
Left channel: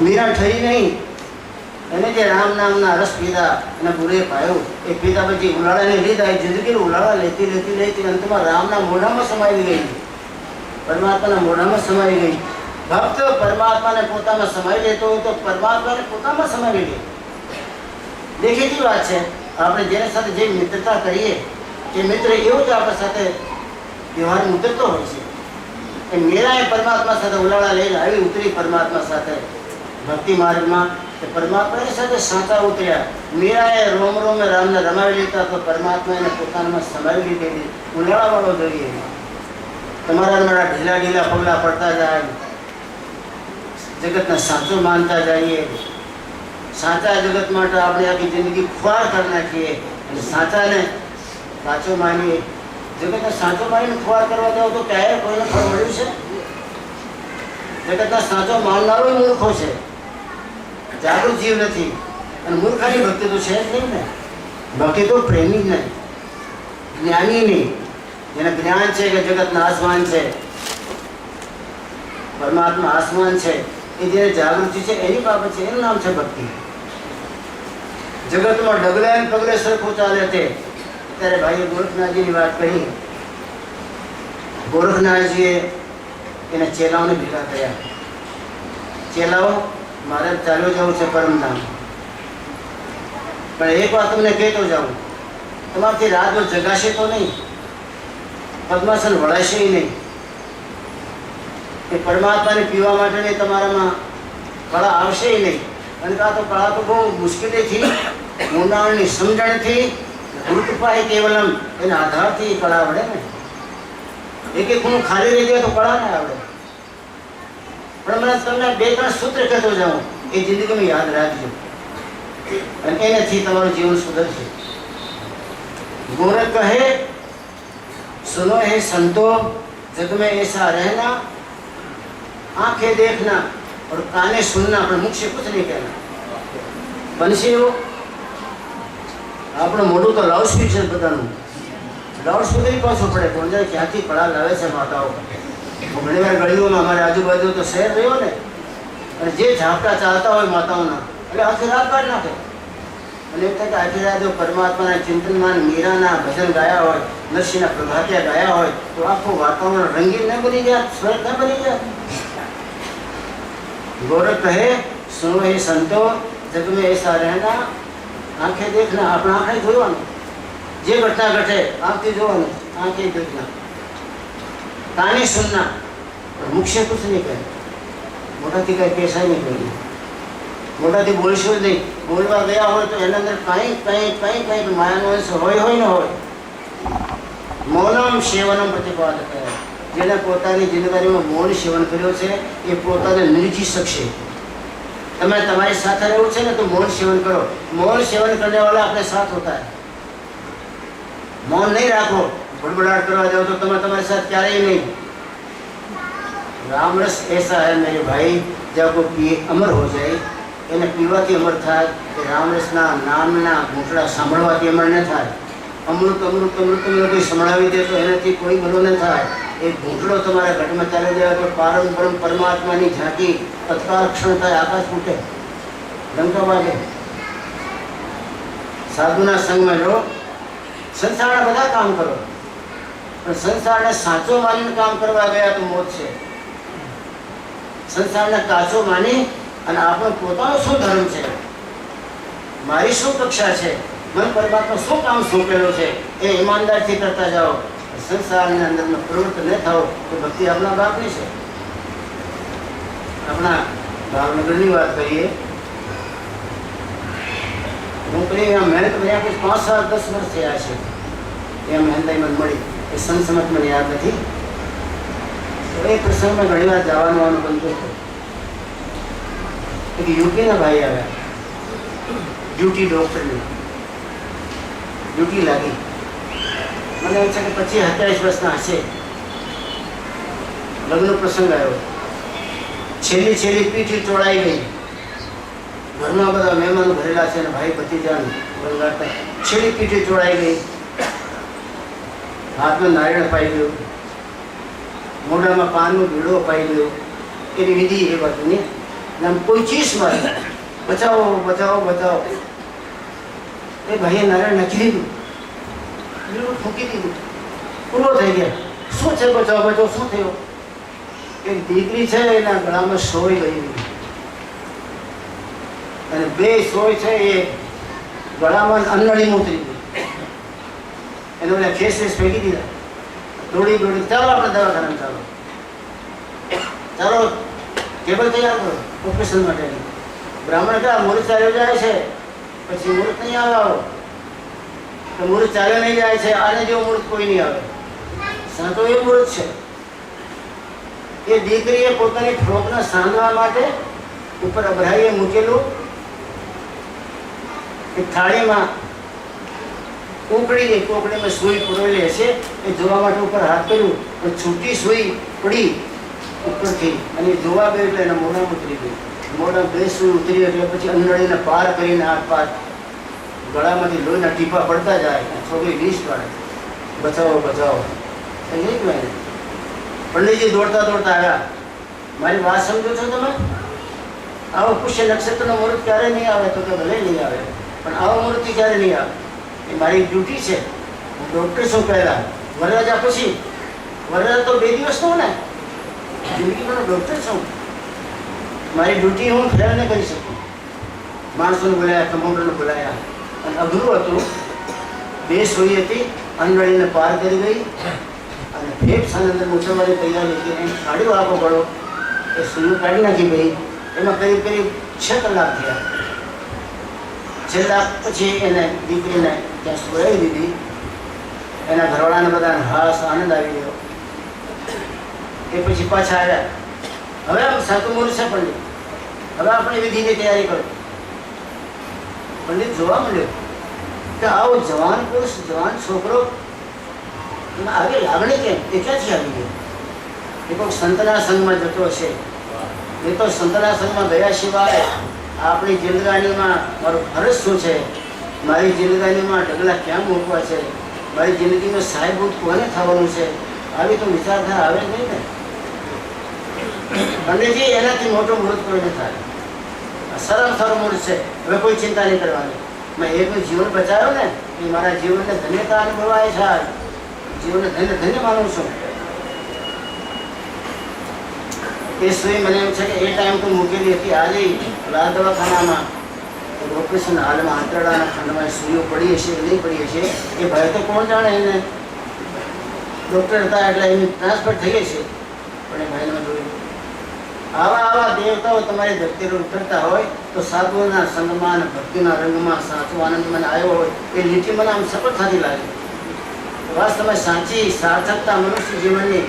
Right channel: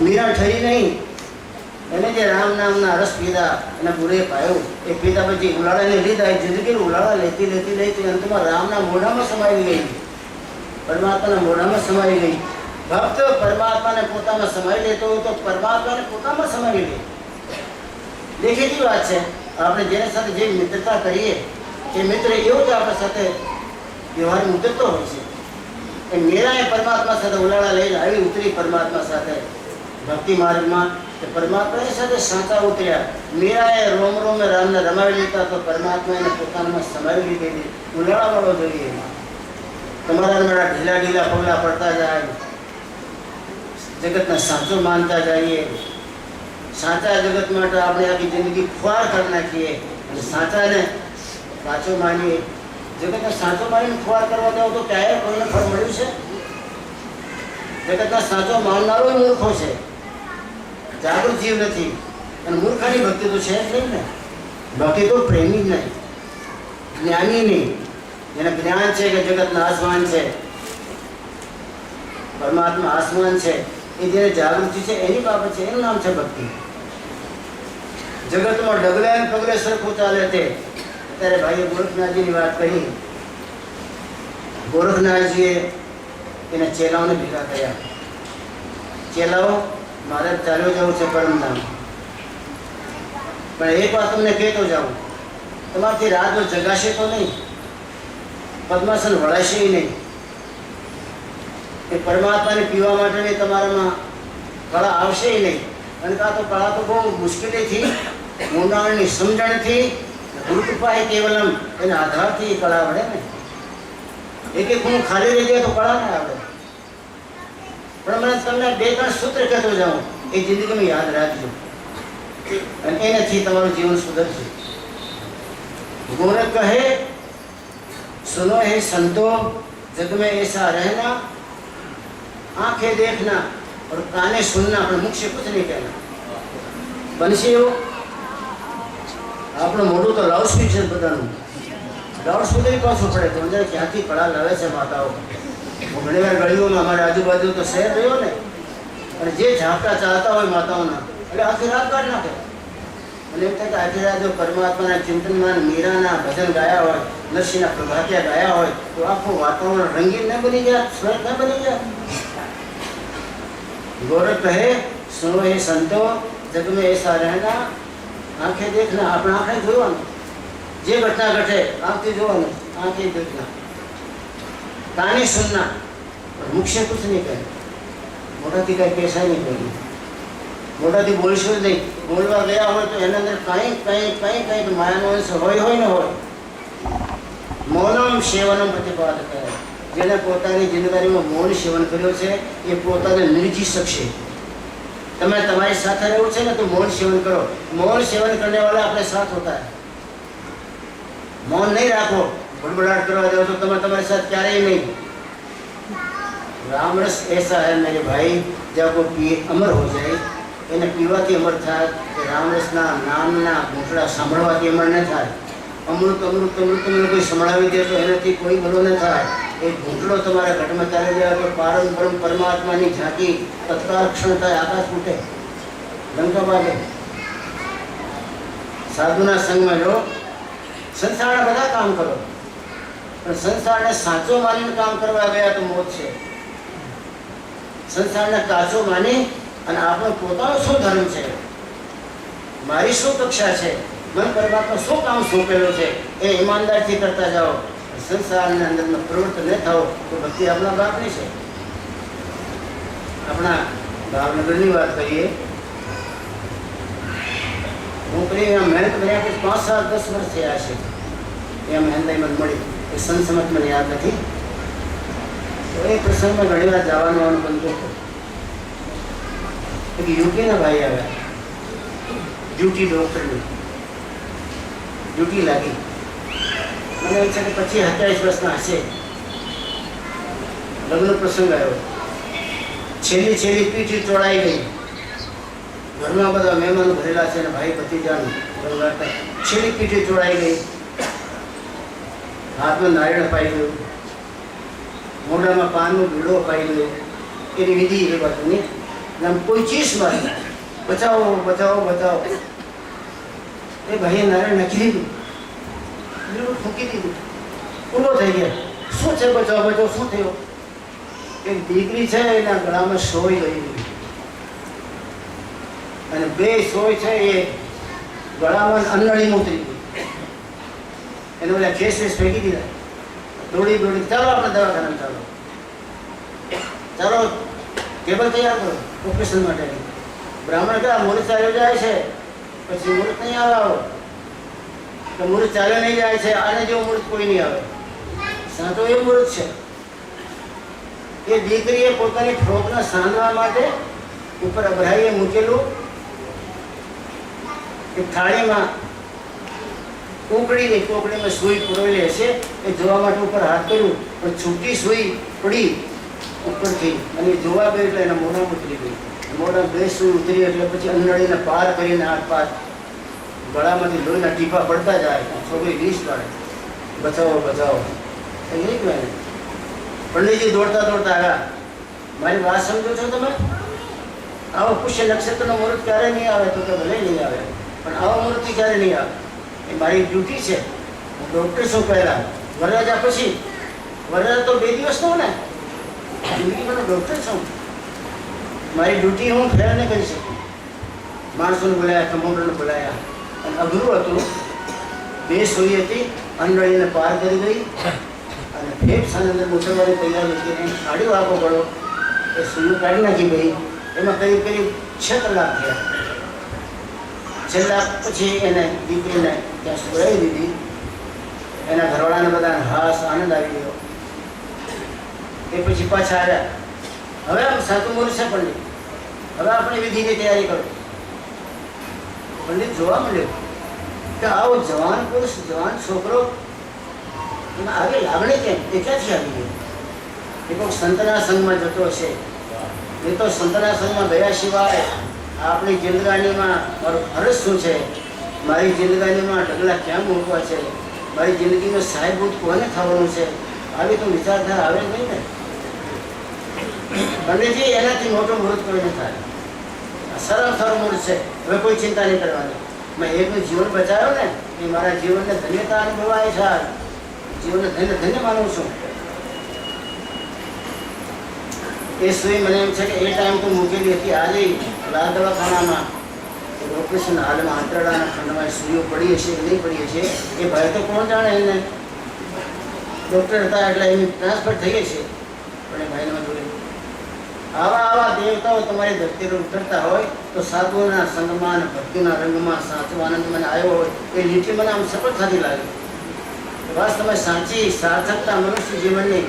મીરા ઠરી નહીં, એને જે રામ નામના રસ પીધા અને બુરે પાયો, એ પીધા પછી ઉલાળાને લીધા, એ જિંદગી ઉલાળા લેતી લેતી લેતી અંતમાં રામના મોઢામાં સમાઈ ગઈ, પરમાત્માના મોઢામાં સમાઈ ગઈ। ભક્ત પરમાત્માને પોતામાં સમાઈ લેતો હોય તો પરમાત્માને પોતામાં સમાઈ લે। દેખીતી વાત છે, આપણે જેની સાથે જે મિત્રતા કરીએ એ મિત્ર એવો જ આપણા સાથે વ્યવહાર ઉતરતો હોય છે। એ મીરાએ પરમાત્મા સાથે ઉલાળા લઈને આવી ઉતરી પરમાત્મા સાથે ભક્તિ માર્ગમાં, પરમાત્માની સાથે સાચા ઉતર્યા। મીરાએ રોમ રોમ રામને રમાવી લીધા તો પરમાત્મા એને પોતાનામાં સમાવી લીધેલી। ઉલાળા વાળો જોઈએ, તમારા ઢીલા ઢીલા પગલા પડતા જાય, જગતને સાચો માનતા જઈએ, સાચા જગત માટે આપણે આખી જિંદગી ખુવાર કરી નાખીએ અને સાચાને સાચો માનીએ। જગતને સાચો માનીને ખુવાર કરવા જાવ તો ક્યારે કોઈને ફળ મળ્યું છે? જગતના સાચો માનનારો મૂર્ખો છે, જાગૃત જીવ નથી। અને મૂર્ખાની ભક્તિ તો છે જ નહીં ને। ભક્તિ તો પ્રેમી જ નહીં, જ્ઞાની નહીં, જેને જ્ઞાન છે કે જગતના આસમાન છે, પરમાત્મા આસમાન છે, એ જેને જાગૃતિ છે એની બાબત છે, એનું નામ છે ભક્તિ। જગતમાં ડગલે પગલે સરખું ચાલે તે। અત્યારે ભાઈએ ગોરખનાથજીની વાત કહી, ગોરખનાથજીએ એના ચેલાઓને ભેગા કર્યા। ચેલાઓ મારે ચાલ્યો જવું છે પરમધામ, પણ એક વાત તમને કહેતો જાઉં, તમારાથી રાત જગાશે તો નહીં, પદ્માસન વળાશે નહીં, એ પરમાત્માને પીવા માટેની તમારામાં કળા આવશે નહીં। અને આ તો કળા તો બહુ મુશ્કેલીથી, ઊંડાણની સમજણથી, ગુરુકૃપા કેવલમ એના આધારથી કળા આવડે ને। એક ખૂણું ખાલી રહી જાય તો કળા ના આવડે। પણ મને તમને 2-3 સૂત્ર કહેતો જાઉં, એ જિંદગીમાં યાદ રાખજો અને એનાથી તમારું જીવન સુધરશે। गोरख कहे सुनो हे संतो, जग में ऐसा रहना, आंखें देखना और काने सुनना, पर मुख से कुछ नहीं कहना। बंसी हो આપણું મોઢું તો લાઉડ સ્પીકર બધાનું, લાઉડ સ્પીકર પાછું પડે તો અંદર ક્યાંથી પડા લાવે છે માતાઓ। ઘણી વાર ગળીઓમાં અમારે આજુબાજુ તો શહેર રહ્યો ને, અને જે ઝાપટા ચાલતા હોય માતાઓના એટલે આખી રાત કાઢ નાખે। અને એમ થાય કે આખી રાત જો પરમાત્માના ચિંતનમાં મીરાના ભજન ગાયા હોય, નરસિંહના પ્રભાતિયા ગાયા હોય તો આખું વાતાવરણ રંગીન ન બની ગયા, સ્વર્ગ ન બની ગયા. ગોરખ કહે સુનો એ સંતો જગ में ऐसा रहना, આંખે દેખના, આપણા આંખે જોવાનું, જે ઘટના ઘટે આંખથી જોવાનું, આંખે દેખના, કાને સુનના, મુખ से कुछ नहीं કહે, મોટાથી કઈ પેશાય નહીં કરી, મોટાથી બોલશો જ નહીં. બોલવા ગયા હોય તો એના અંદર કંઈક માયાનો અંશ હોય ન હોય. મૌનમ સેવનમ પ્રતિપાદક, જેને પોતાની જિંદગીમાં મૌન સેવન કર્યો છે એ પોતાને નિર્જી શકશે. તમે તમારી સાથે રહેવું છે ને તો મૌન સેવન કરો. मौन सेवन करने वाला अपने साथ होता है. मौन नहीं રાખો, बड़बड़ाहट करवा जाओ तो तुम्हारे साथ क्या ही नहीं. राम रस ऐसा है मेरे भाई, जब वो पिए अमर हो जाए, એને પીવાથી અમર થાય કે રામરસના નામના ઘૂંટડા સાંભળવાથી અમર ન થાય. અમૃત અમૃત અમૃત અમૃત કોઈ સંભળાવી દે તો એનાથી કોઈ ભલો ન થાય. એ ઘૂંટડો તમારા ઘટમાં ચાલી જાય તો પારંપરમ પરમાત્માની ઝાંકી તત્કાળ ક્ષણ થાય, આકાશ ફૂટે, ડંકો વાગે. સાધુના સંગમાં રહો, સંસારના બધા કામ કરો, પણ સંસારને સાચો માનીને કામ કરવા ગયા તો મોત છે. સંસારને કાચો માની અને આપણો પોતાનો શું ધર્મ છે, મારી શું કક્ષા છે, મન પરમાત્મા શું કામ સોંપેલું છે એ ઈમાનદારથી કરતા જાઓ. સંસારની અંદર પ્રવૃત્ત ન થાઓ તો ભક્તિ આપણા બાપની છે. આપણા ભાવનગરની વાત કરીએ, હું કરી મહેનત કર્યા પછી 5 સાલ 10 વર્ષ થયા છે. એ મહેનત મને મળી, એ સંસમત મને યાદ નથી. તો એ પ્રસંગમાં ઘણી વાર જવાનું આવવાનું બનતું હતું. એક યુપીના ભાઈ આવ્યા, ડ્યુટી ડૉક્ટરની ડ્યુટી લાગી. મને એમ છે કે 25-27 વર્ષના હશે. લગ્ન પ્રસંગ આવ્યો, છેલ્લી પીઠી ચોડાઈ ગઈ. ઘરમાં બધા મહેમાનો ભરેલા છે અને ભાઈ ભતીજાનું બરગાડતા. છેલ્લી પીઠી ચોડાઈ ગઈ, હાથમાં નારિયેળ પાઈ ગયું, મોઢામાં પાનનો બીડો પાઈ ગયો. એની વિધિ એ બાજુની આમ કોઈ ચીસ મારે, બચાવો બચાવો બચાવો. એ ભાઈએ નારાયણ નાખી દીધું, બિલકુલ ફૂંકી દીધું, પૂરો થઈ ગયા. શું છે બચાવો બચાવો, શું થયું? એક દીકરી છે એના ગળામાં સોય ગઈ અને 2 સોય છે એ ગળામાં અંનળીમાં ઉતરી ગઈ. એને ઓલા ખેસ ફેંકી દીધા. દોડી ચાલો આપણે દવાખાનામાં ચાલો, ચાલો ટેબલ તૈયાર કરો ઓપરેશન માટેની. બ્રાહ્મણ કહે મુહૂર્ત ચાલ્યો જાય છે, પછી મુહૂર્ત નહીં આવે, તો મુહૂર્ત ચાલ્યો નહીં જાય છે, આને જેવું મુહૂર્ત કોઈ નહીં આવે. સાંતો એ મુહૂર્ત છે. એ દીકરીએ પોતાની ફ્રોકને સાંધવા માટે ઉપર અભરાઈએ મૂકેલું એક થાળીમાં કોકડીમાં સુઈ પુરેલી હશે એ જોવા માટે ઉપર હાથ કર્યું, પણ છૂટી સુઈ પડી ઉપરથી અને જોવા ગઈ એટલે એના મોઢામાં ઉતરી ગઈ. મોઢા 2 સુઈ ઉતરી એટલે પછી અંનળીને પાર કરીને હાથ પાર ગળામાંથી લોહીના ટીપા પડતા જાય. છોકરી રીસ કાઢે, બચાવો બચાવો. એ નહીં કહેવાય. પંડિતજી દોડતા આવ્યા, મારી વાત સમજો છો તમે? આવો પુષ્ય નક્ષત્રનો મુહૂર્ત ક્યારે નહીં આવે? તો કે ભલે નહીં આવે, પણ આવો મુહૂર્ત ક્યારે નહીં આવે? એ મારી ડ્યુટી છે. હું ડૉક્ટર છું પહેલાં, વરરાજા પછી. વરરાજા તો 2 દિવસ તો ને, જિંદગીમાં ડૉક્ટર છું. મારી ડ્યુટી હું ફેર ન કરી શકું. માણસોને બોલાયા, કમ્પાઉન્ડરને બોલાયા અને અઘરું હતું. 2 સોઈ હતી, અંનળીને પાર કરી ગઈ અને ફેફસાની અંદર મૂછવાની તૈયારી હતી. કાઢ્યો આપો પડો, એ સુઈ કાઢી નાખી ગઈ. એમાં કરીબ 6 કલાક થયા. છેલ્લા પછી એને દીકરીને ત્યાં સુરાવી દીધી. એના ઘરવાળાને બધાને હાસ આનંદ આવી ગયો. એ પછી પાછા આવ્યા. હવે આમ સાચું મુહૂર્ત છે પંડિત, હવે આપણે વિધિની તૈયારી કરો. પંડિત જોવા મળ્યો કે આવો જવાન પુરુષ, જવાન છોકરો, એમાં આવી લાગણી કેમ? એ ક્યાંથી આવી ગઈ? એ કોઈ સંતના સંઘમાં જતો હશે. એ તો સંતના સંઘમાં ગયા સિવાય આપણી જિંદગાનીમાં મારું ફરજ શું છે, મારી જિંદગાનીમાં ઢગલા ક્યાં મૂકવા છે, મારી જિંદગીમાં સાહેબભૂત કોને થવાનું છે, આવી તો વિચારધારા આવે નહીં ને. પંડિતજી એનાથી મોટો મુહૂર્ત કોઈ ન થાય. સારામાં સારો મુહૂર્ત છે, હવે કોઈ ચિંતા નહીં કરવાની. મેં એકનું જીવન બચાવ્યો ને એ મારા જીવનને ધન્યતા અનુભવાય છે. જીવનને ધન્ય ધન્ય માનું છું. એ સુઈ મને એમ છે કે એ ટાઈમ તો મૂકેલી હતી. આજે લાલ દવાખાનામાં ઓપરેશન હાલમાં આંતરડાના ખંડમાં સુઈઓ પડી હશે કે નહીં પડી હશે એ ભાઈ તો કોણ જાણે. એને ડૉક્ટર હતા એટલે એની ટ્રાન્સફર થઈ ગઈ છે. પણ એ ભાઈને મેં જોયું આવા દેવતાઓ તમારી ધરતી પર ઉતરતા હોય તો સાધુઓના સંગમાં અને ભક્તિના રંગમાં સાચો આનંદ મને આવ્યો હોય એ લીટી મને આમ સફળતાથી લાગી. વાસ્તવમાં સાચી સાર્થકતા મનુષ્ય જીવનની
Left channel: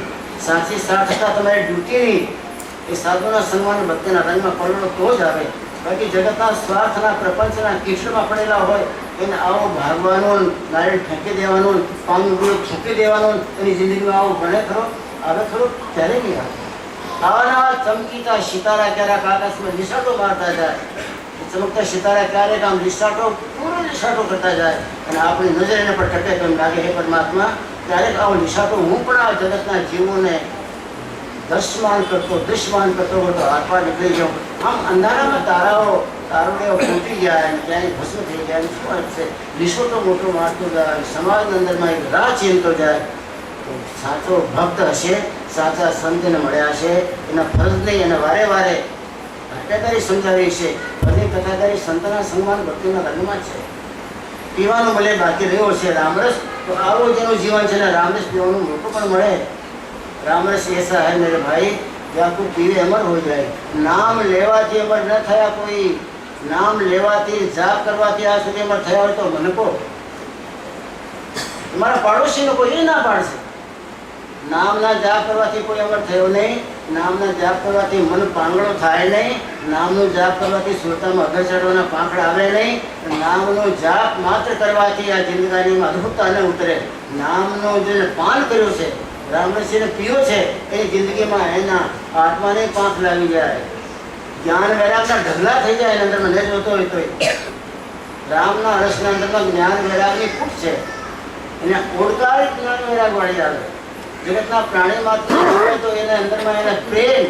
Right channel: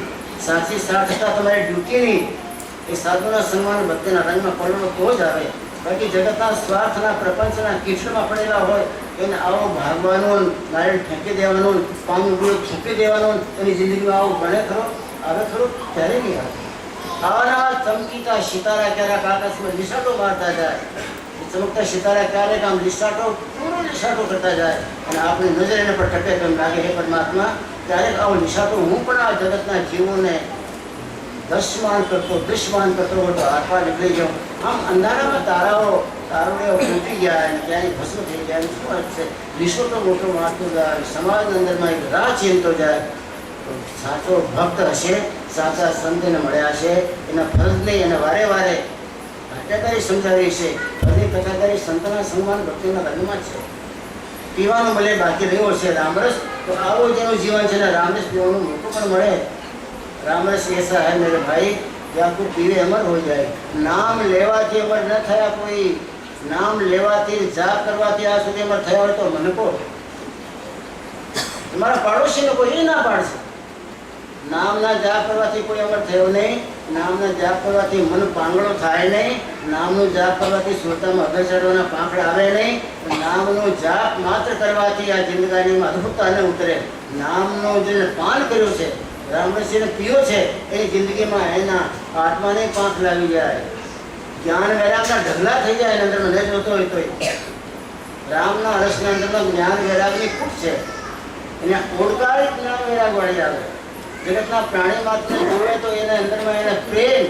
સાચી સાર્થકતા તમારી ડ્યુટીની એ સાધુના સંગમાં ભક્તિના રંગમાં પડવાનો તો જ આવે. બાકી જગતના સ્વાર્થના પ્રપંચના કીચડમાં પડેલા હોય એને આવો ભાગવાનું, નારિયેળ ફેંકી દેવાનું, પાણી ફૂંકી દેવાનું, એની જિંદગીમાં આવું ભણે ખરો આવે ખરું ત્યારે નહીં આવે. આવા ચમકીતા સિતારા ક્યારેક આકાશમાં નિશાટો મારતા જાય. ચમકતા સિતારા ક્યારેક આમ નિશાટો પૂરો નિશાટો કરતા જાય અને આપણી નજર એને પર ટકે તો એમ લાગે હે પરમાત્મા ક્યારેક આવો નિશાટો હું પણ આ જગતના જીવોને દૃશ્યમાન કરતો હોય તો હાથમાં નીકળી જાઉં. આમ અંધારામાં તારોડેઓ ફૂટી જાય અને ક્યાંય ભસ્મ થઈ જાય. શું વાત છે? નિશાટો મોટો મારતો જાય, સમાજની અંદરમાં એક રાહ ચીનતો જાય. સાચો ભક્ત હશે, સાચા સંતને મળ્યા છે, એના ફરજને એને વારે વારે કથાકારી સમજાવી છે. બધી કથાકારી સંતના સન્માન ભક્તિના રંગમાં છે. પીવાનું મળે બાકી રહ્યો છે રામરસ, તો આવું જેનું જીવન છે ને રામરસ પીવાનું મોટું પણ મળે. रामरस ऐसा है मेरे भाई कि आपको पीवे अमर हो जाए. नाम लेवाથી अमर न થયા કોઈ, નામ લેવાથી જાપ કરવાથી આ સુધી અમર થયા હોય તો મને કહો. તમારા પાડોશીને કોઈ ના પાડશે. નામના જાપ કરવાથી કોઈ અમર થયો નહીં. નામના જાપ કરવાથી મન પાંગળો થાય નહીં. નામનું જાપ કરવાથી સુરતામાં અગર ચડવાના પાંખડા આવે નહીં. નામનો જાપ માત્ર કરવાથી આ જિંદગીમાં અદ્ભુતતા ન ઉતરે. નામનો જે પાન કર્યું છે, રામરસીને પીયો છે, એની જિંદગીમાં એના આત્માને પાંખ લાગી જાય. જ્ઞાન વૈરાગના ઢગલા થઈ જાય. એના અંદરમાં ન જોતો હોય તો રામના રસના અંદરમાં જ્ઞાન વૈરાગની ખૂટ છે. એને ઓળખાય જ્ઞાન વૈરાગ વાળી આવે. જગતના પ્રાણી માત્ર જોવે તો એના અંદરમાં એના પ્રેમ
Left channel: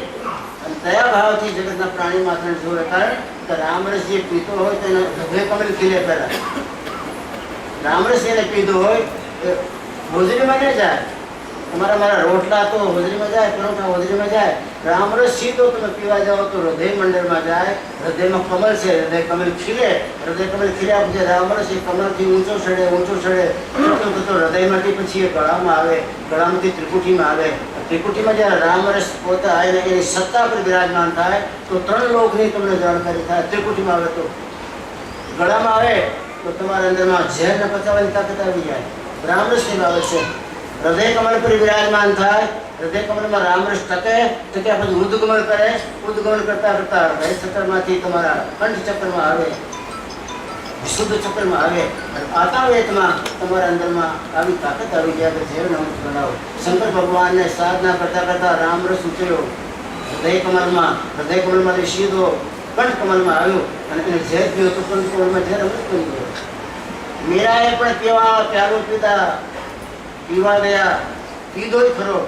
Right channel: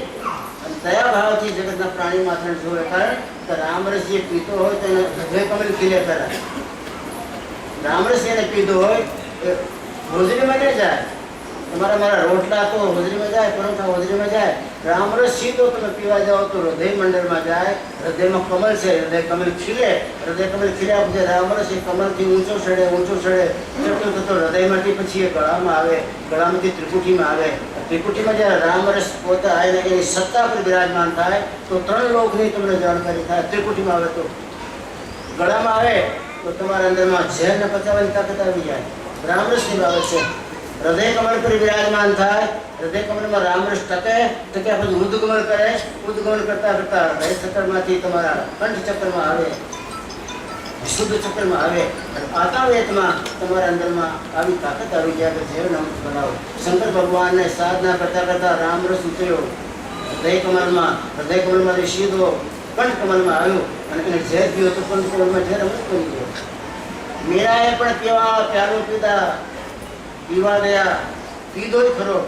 અને દયા ભાવથી જગતના પ્રાણી માત્ર જોવે. કારણ કે રામરસ જે પીતો હોય તો એને હૃદય કમલ ખીલે પહેલા. રામરસ એને પીધો હોય એ હોજરીમાં ન જાય. તમારા મારા રોટલા તો હોજરીમાં જાય, પરોઠા હોજરીમાં જાય. રામરસ સીધો તમે પીવા જાઓ તો હૃદય મંડળમાં જાય. હૃદયમાં કમલ છે, હૃદય કમલ ખીલે. હૃદય કમલ ખીલ્યા પછી રામરસ એ કમલથી ઊંચો ચડે તો હૃદયમાંથી પછી એ ગળામાં આવે. ગળામાંથી ત્રિકુટીમાં આવે. ત્રિકુટીમાં જ્યારે રામરસ પોતે આવીને એની સત્તા પર બિરાજમાન થાય તો 3 લોકની તમને જાણકારી થાય. ત્રિકુટીમાં આવે તો ગળામાં આવે તો તમારા અંદરમાં ઝેરને પચાવવાની તાકાત આવી જાય. રામરસની બાબત છે. હૃદય કમળ પર વિરાજમાન થાય. હૃદય કમળમાં રામરસ ટકે પછી ઉદ્ગમન કરે. ઉદ્ગમન કરતા કરતા હૃદય ચક્રમાંથી તમારા કંઠ ચક્રમાં આવે, શુદ્ધ ચક્રમાં આવે અને આતાવેતમાં તમારા અંદરમાં આવી તાકાત આવી જાય કે ઝેર નમક બનાવો. શંકર ભગવાનને સાધના કરતા કરતા રામરસ ઉતર્યો હૃદય કમળમાંથી સીધો કંઠ કમળમાં આવ્યો અને એને ઝેર પીયો તો કંઠ કમળમાં ઝેર અમૃત બની ગયો. મીરાએ પણ કેવા પ્યારો પીવા ગયા, પીધો જ ખરો,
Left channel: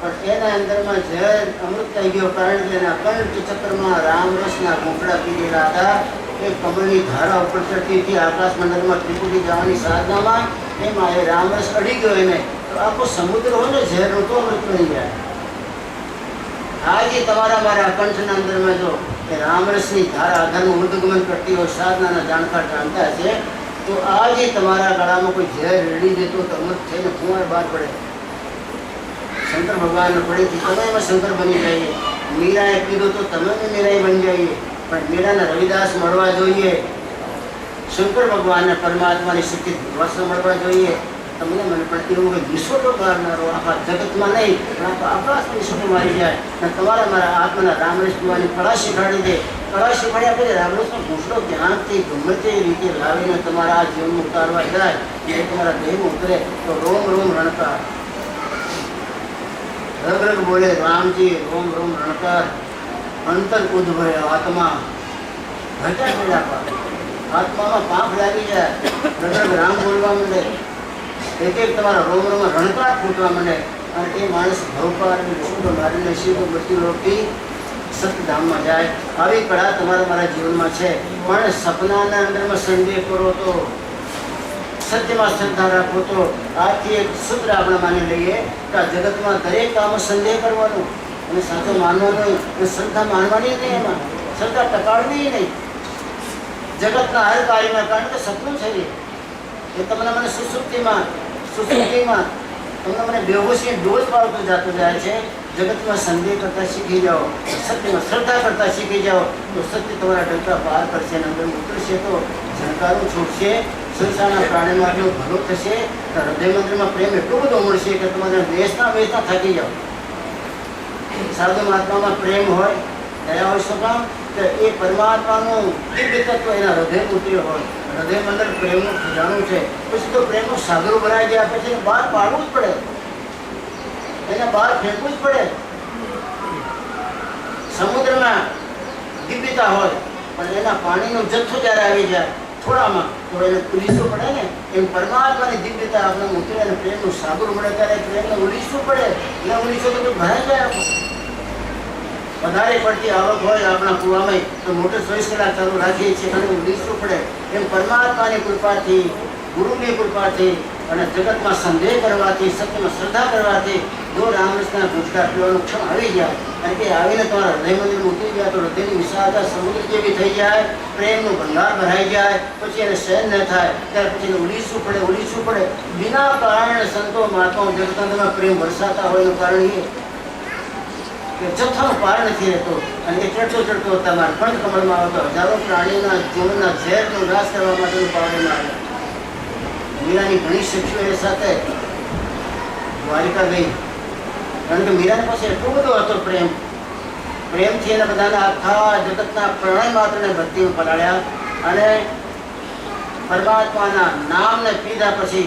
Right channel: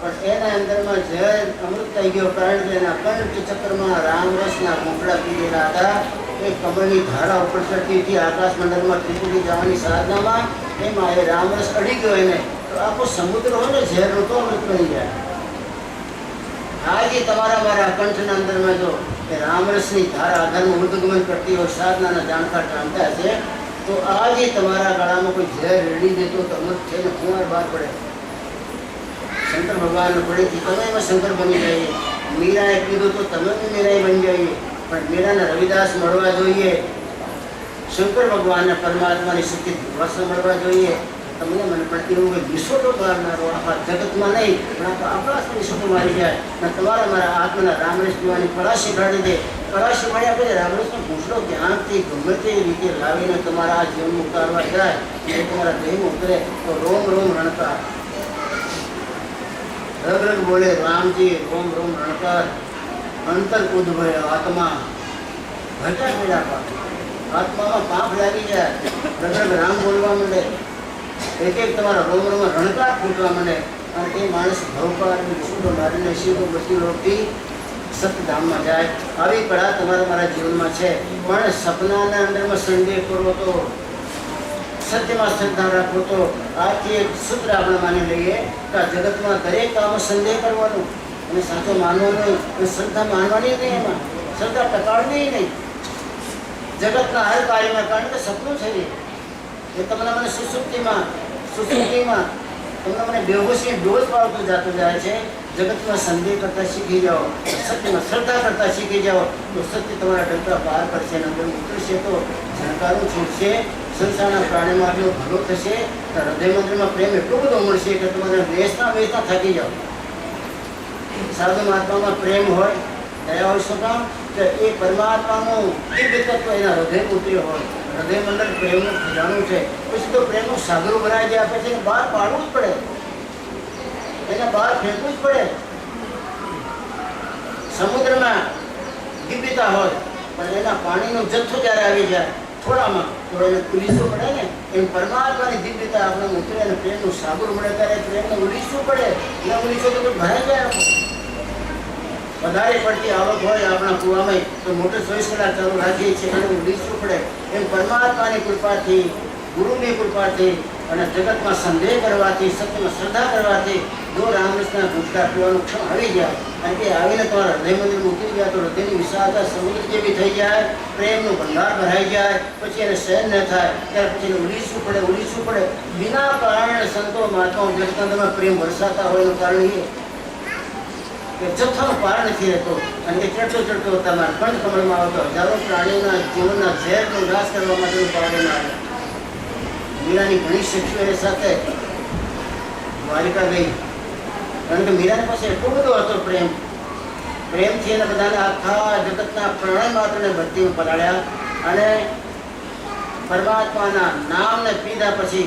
પણ એના અંદરમાં ઝેર અમૃત થઈ ગયો. કારણ કે એના કંઠ ચક્રમાં રામરસના ઘૂંટડા પીધેલા હતા. એ કમળની ધારા ઉપર ચડતી હતી આકાશ મંડળમાં ત્રિપુટી જવાની સાધનામાં. એમાં એ રામરસ અડી ગયો એને તો આખો સમુદ્ર હોય ને ઝેરનો તો અમૃત બની જાય. આજે તમારા મારા કંઠના અંદરમાં જો એ રામરસની ધારા આધારનું ઉદ્ગમન કરતી હોય, સાધનાના જાણકાર જાણતા છે, તો આજે તમારા ગળામાં કોઈ ઝેર રેડી દેતો તો અમૃત થઈને કુંવાર બહાર પડે. શંકર ભગવાન પડેથી તમે એમાં શંકર બની જઈએ. મીરાએ કીધું તો તમે મીરાએ બની જઈએ. પણ મીરાને રવિદાસ મળવા જોઈએ. શંકર ભગવાનને પરમાત્માની શક્તિ વસ્ત્ર મળવા જોઈએ. તમને મને પણ એવું કે વિશ્વટો મારનારો આખા જગતમાં નહીં પણ આખા આકાશમાં વિશ્વટો મારી જાય અને તમારા મારા આત્માના રામરસ પીવાની કળા શીખવાડી દે. કળા શીખવાડ્યા પછી રામરસનો ઘૂંટડો ધ્યાનથી ગમે તે રીતે લાવીને તમારા આ જીવનમાં ઉતારવા જાય એ તમારા દેહમાં ઉતરે તો રોમ રોમ રણકાર. રગ રગ બોલે રામજી રોમ રોમ રણકાર. અંતર ઉદ્ભય આત્મા ઘટા મેળા પાક. આત્મામાં પાપ લાગી જાય. રગ રગ રામ બોલવા માંડે. એક તમારા રોમ રોમમાં રણકાર ફૂટવા માંડે અને એ માણસ ભવકાર શુદ્ધ મારીને સીધો બધી રોટી સતધામમાં જાય. આવી કળા તમારા મારા જીવનમાં છે. પણ સપનાના અંદરમાં સંદેહ કરો તો, સત્યમાં શ્રદ્ધા રાખો તો, આથી એક સૂત્ર આપણે માની લઈએ કે આ જગતમાં દરેક કામમાં સંદેહ કરવાનો અને સાચો માનવાનો અને શ્રદ્ધા માનવાની નહીં. એમાં શ્રદ્ધા ટકાડવી નહીં જગતના હર કાર્યમાં. કારણ કે સપનું છે એ તમને મને સુસુપ્તિમાં તમને મને બેહોશી ડોઝ પાડતો જતો જાય છે. જગતમાં સંદેહ કરતા શીખી જાઓ, સત્યમાં શ્રદ્ધા કરતા શીખી જાઓ તો સત્ય તમારા ડંકા પાર કરશે અને અંદર ઉતરશે તો ઝણકારો છૂટશે. સંસારના પ્રાણીમાં આટલો ભલો થશે તો હૃદય મંદિરમાં પ્રેમ એટલો બધો મળશે કે તમારે વેચતા થાકી જાઓ. સાધુ મહાત્મામાં પ્રેમ હોય, દયા હોય, શું કામ કે એ પરમાત્માનું દિવ્ય તત્વ એના હૃદય ઉતર્યો હોય. હૃદય મંડળ પ્રેમનું ખજાનું છે. પછી તો પ્રેમનું સાગરો બનાવી ગયા પછી બહાર પાડવું જ પડે, એને બહાર ફેંકવું જ પડે. સમુદ્રમાં દિવ્યતા હોય પણ એના પાણીનો જથ્થો જ્યારે આવી જાય થોડામાં તો એને ઉલીસવું પડે ને. એમ પરમાત્માની દિવ્યતા આપણે ઉતરે અને પ્રેમનું સાગર મળે ત્યારે પ્રેમને ઉલીસવું પડે. ન ઉલીસો તો ભરાઈ જાય. વધારે પડતી આવક હોય આપણા કુવામાં તો મોટર 24 કલાક ચાલુ રાખીએ છીએ અને ઉલીસવું પડે. એમ પરમાત્માની કૃપાથી, ગુરુની કૃપાથી અને જગતમાં સંદેહ કરવાથી, સત્યમાં શ્રદ્ધા કરવાથી જો રામકૃષ્ણના ગુજકા પીવાનું ક્ષણ આવી જાય અને તે આવીને તમારા હૃદય મંદિરમાં ઉતરી જાય તો હૃદયની વિશાળતા સમુદ્ર જેવી થઈ જાય, પ્રેમનું ભંડાર ભરાઈ જાય. પછી એને સહન ન થાય ત્યારે પછી એને ઉલીસવું પડે. વિના કારણે સંતો મહાત્માઓ જગતના પ્રેમ વરસાતા હોય એનું કારણ એ કે જથ્થાનો પાર નથી રહેતો અને એ ચડતો તમારા કંઠ કમળમાં આવતો હજારો પ્રાણીઓના જીવનના ઝેરનો નાશ કરવા માટેનું પાવન આવે. મીરાની ઘણી શક્તિઓ એ સાથે દ્વારિકા ગઈ કારણ કે મીરાની પાસે એટલો બધો હતો પ્રેમથી એને બધાને આખા જગતના પ્રણય માત્રને ભક્તિમાં પલાળ્યા અને પરમાત્માના નામને પીધા પછી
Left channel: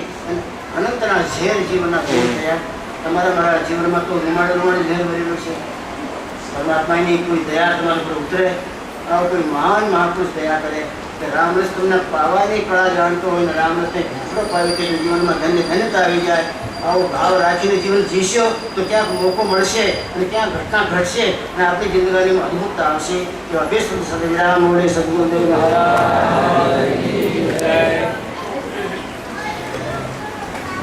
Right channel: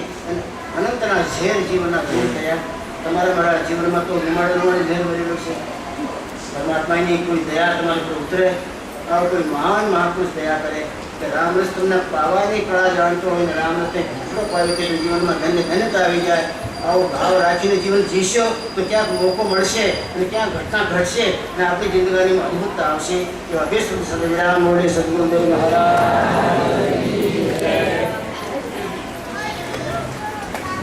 અનંતના ઝેર જીવનના દૂર થયા. તમારા મારા જીવનમાં તો રૂમાડે ઝેર ભરેલું છે. પરમાત્માની કોઈ દયા તમારા પર ઉતરે, આવો કોઈ મહાન મહાપુરુષ દયા કરે કે રામરસ તમને પાવાની કળા જાણતો હોય ને રામરસને ઘૂંટડો પાવે કે જીવનમાં ધન્યતા આવી જાય. આવો ભાવ રાખીને જીવન જીશો તો ક્યાંક મોકો મળશે અને ક્યાંક ઘટના ઘટશે અને આપણી જિંદગીમાં અદ્ભુતતા આવશે. એવા બે શબ્દ સાથે વિરામ મળે. સદગુરુદેવ મહારાજ.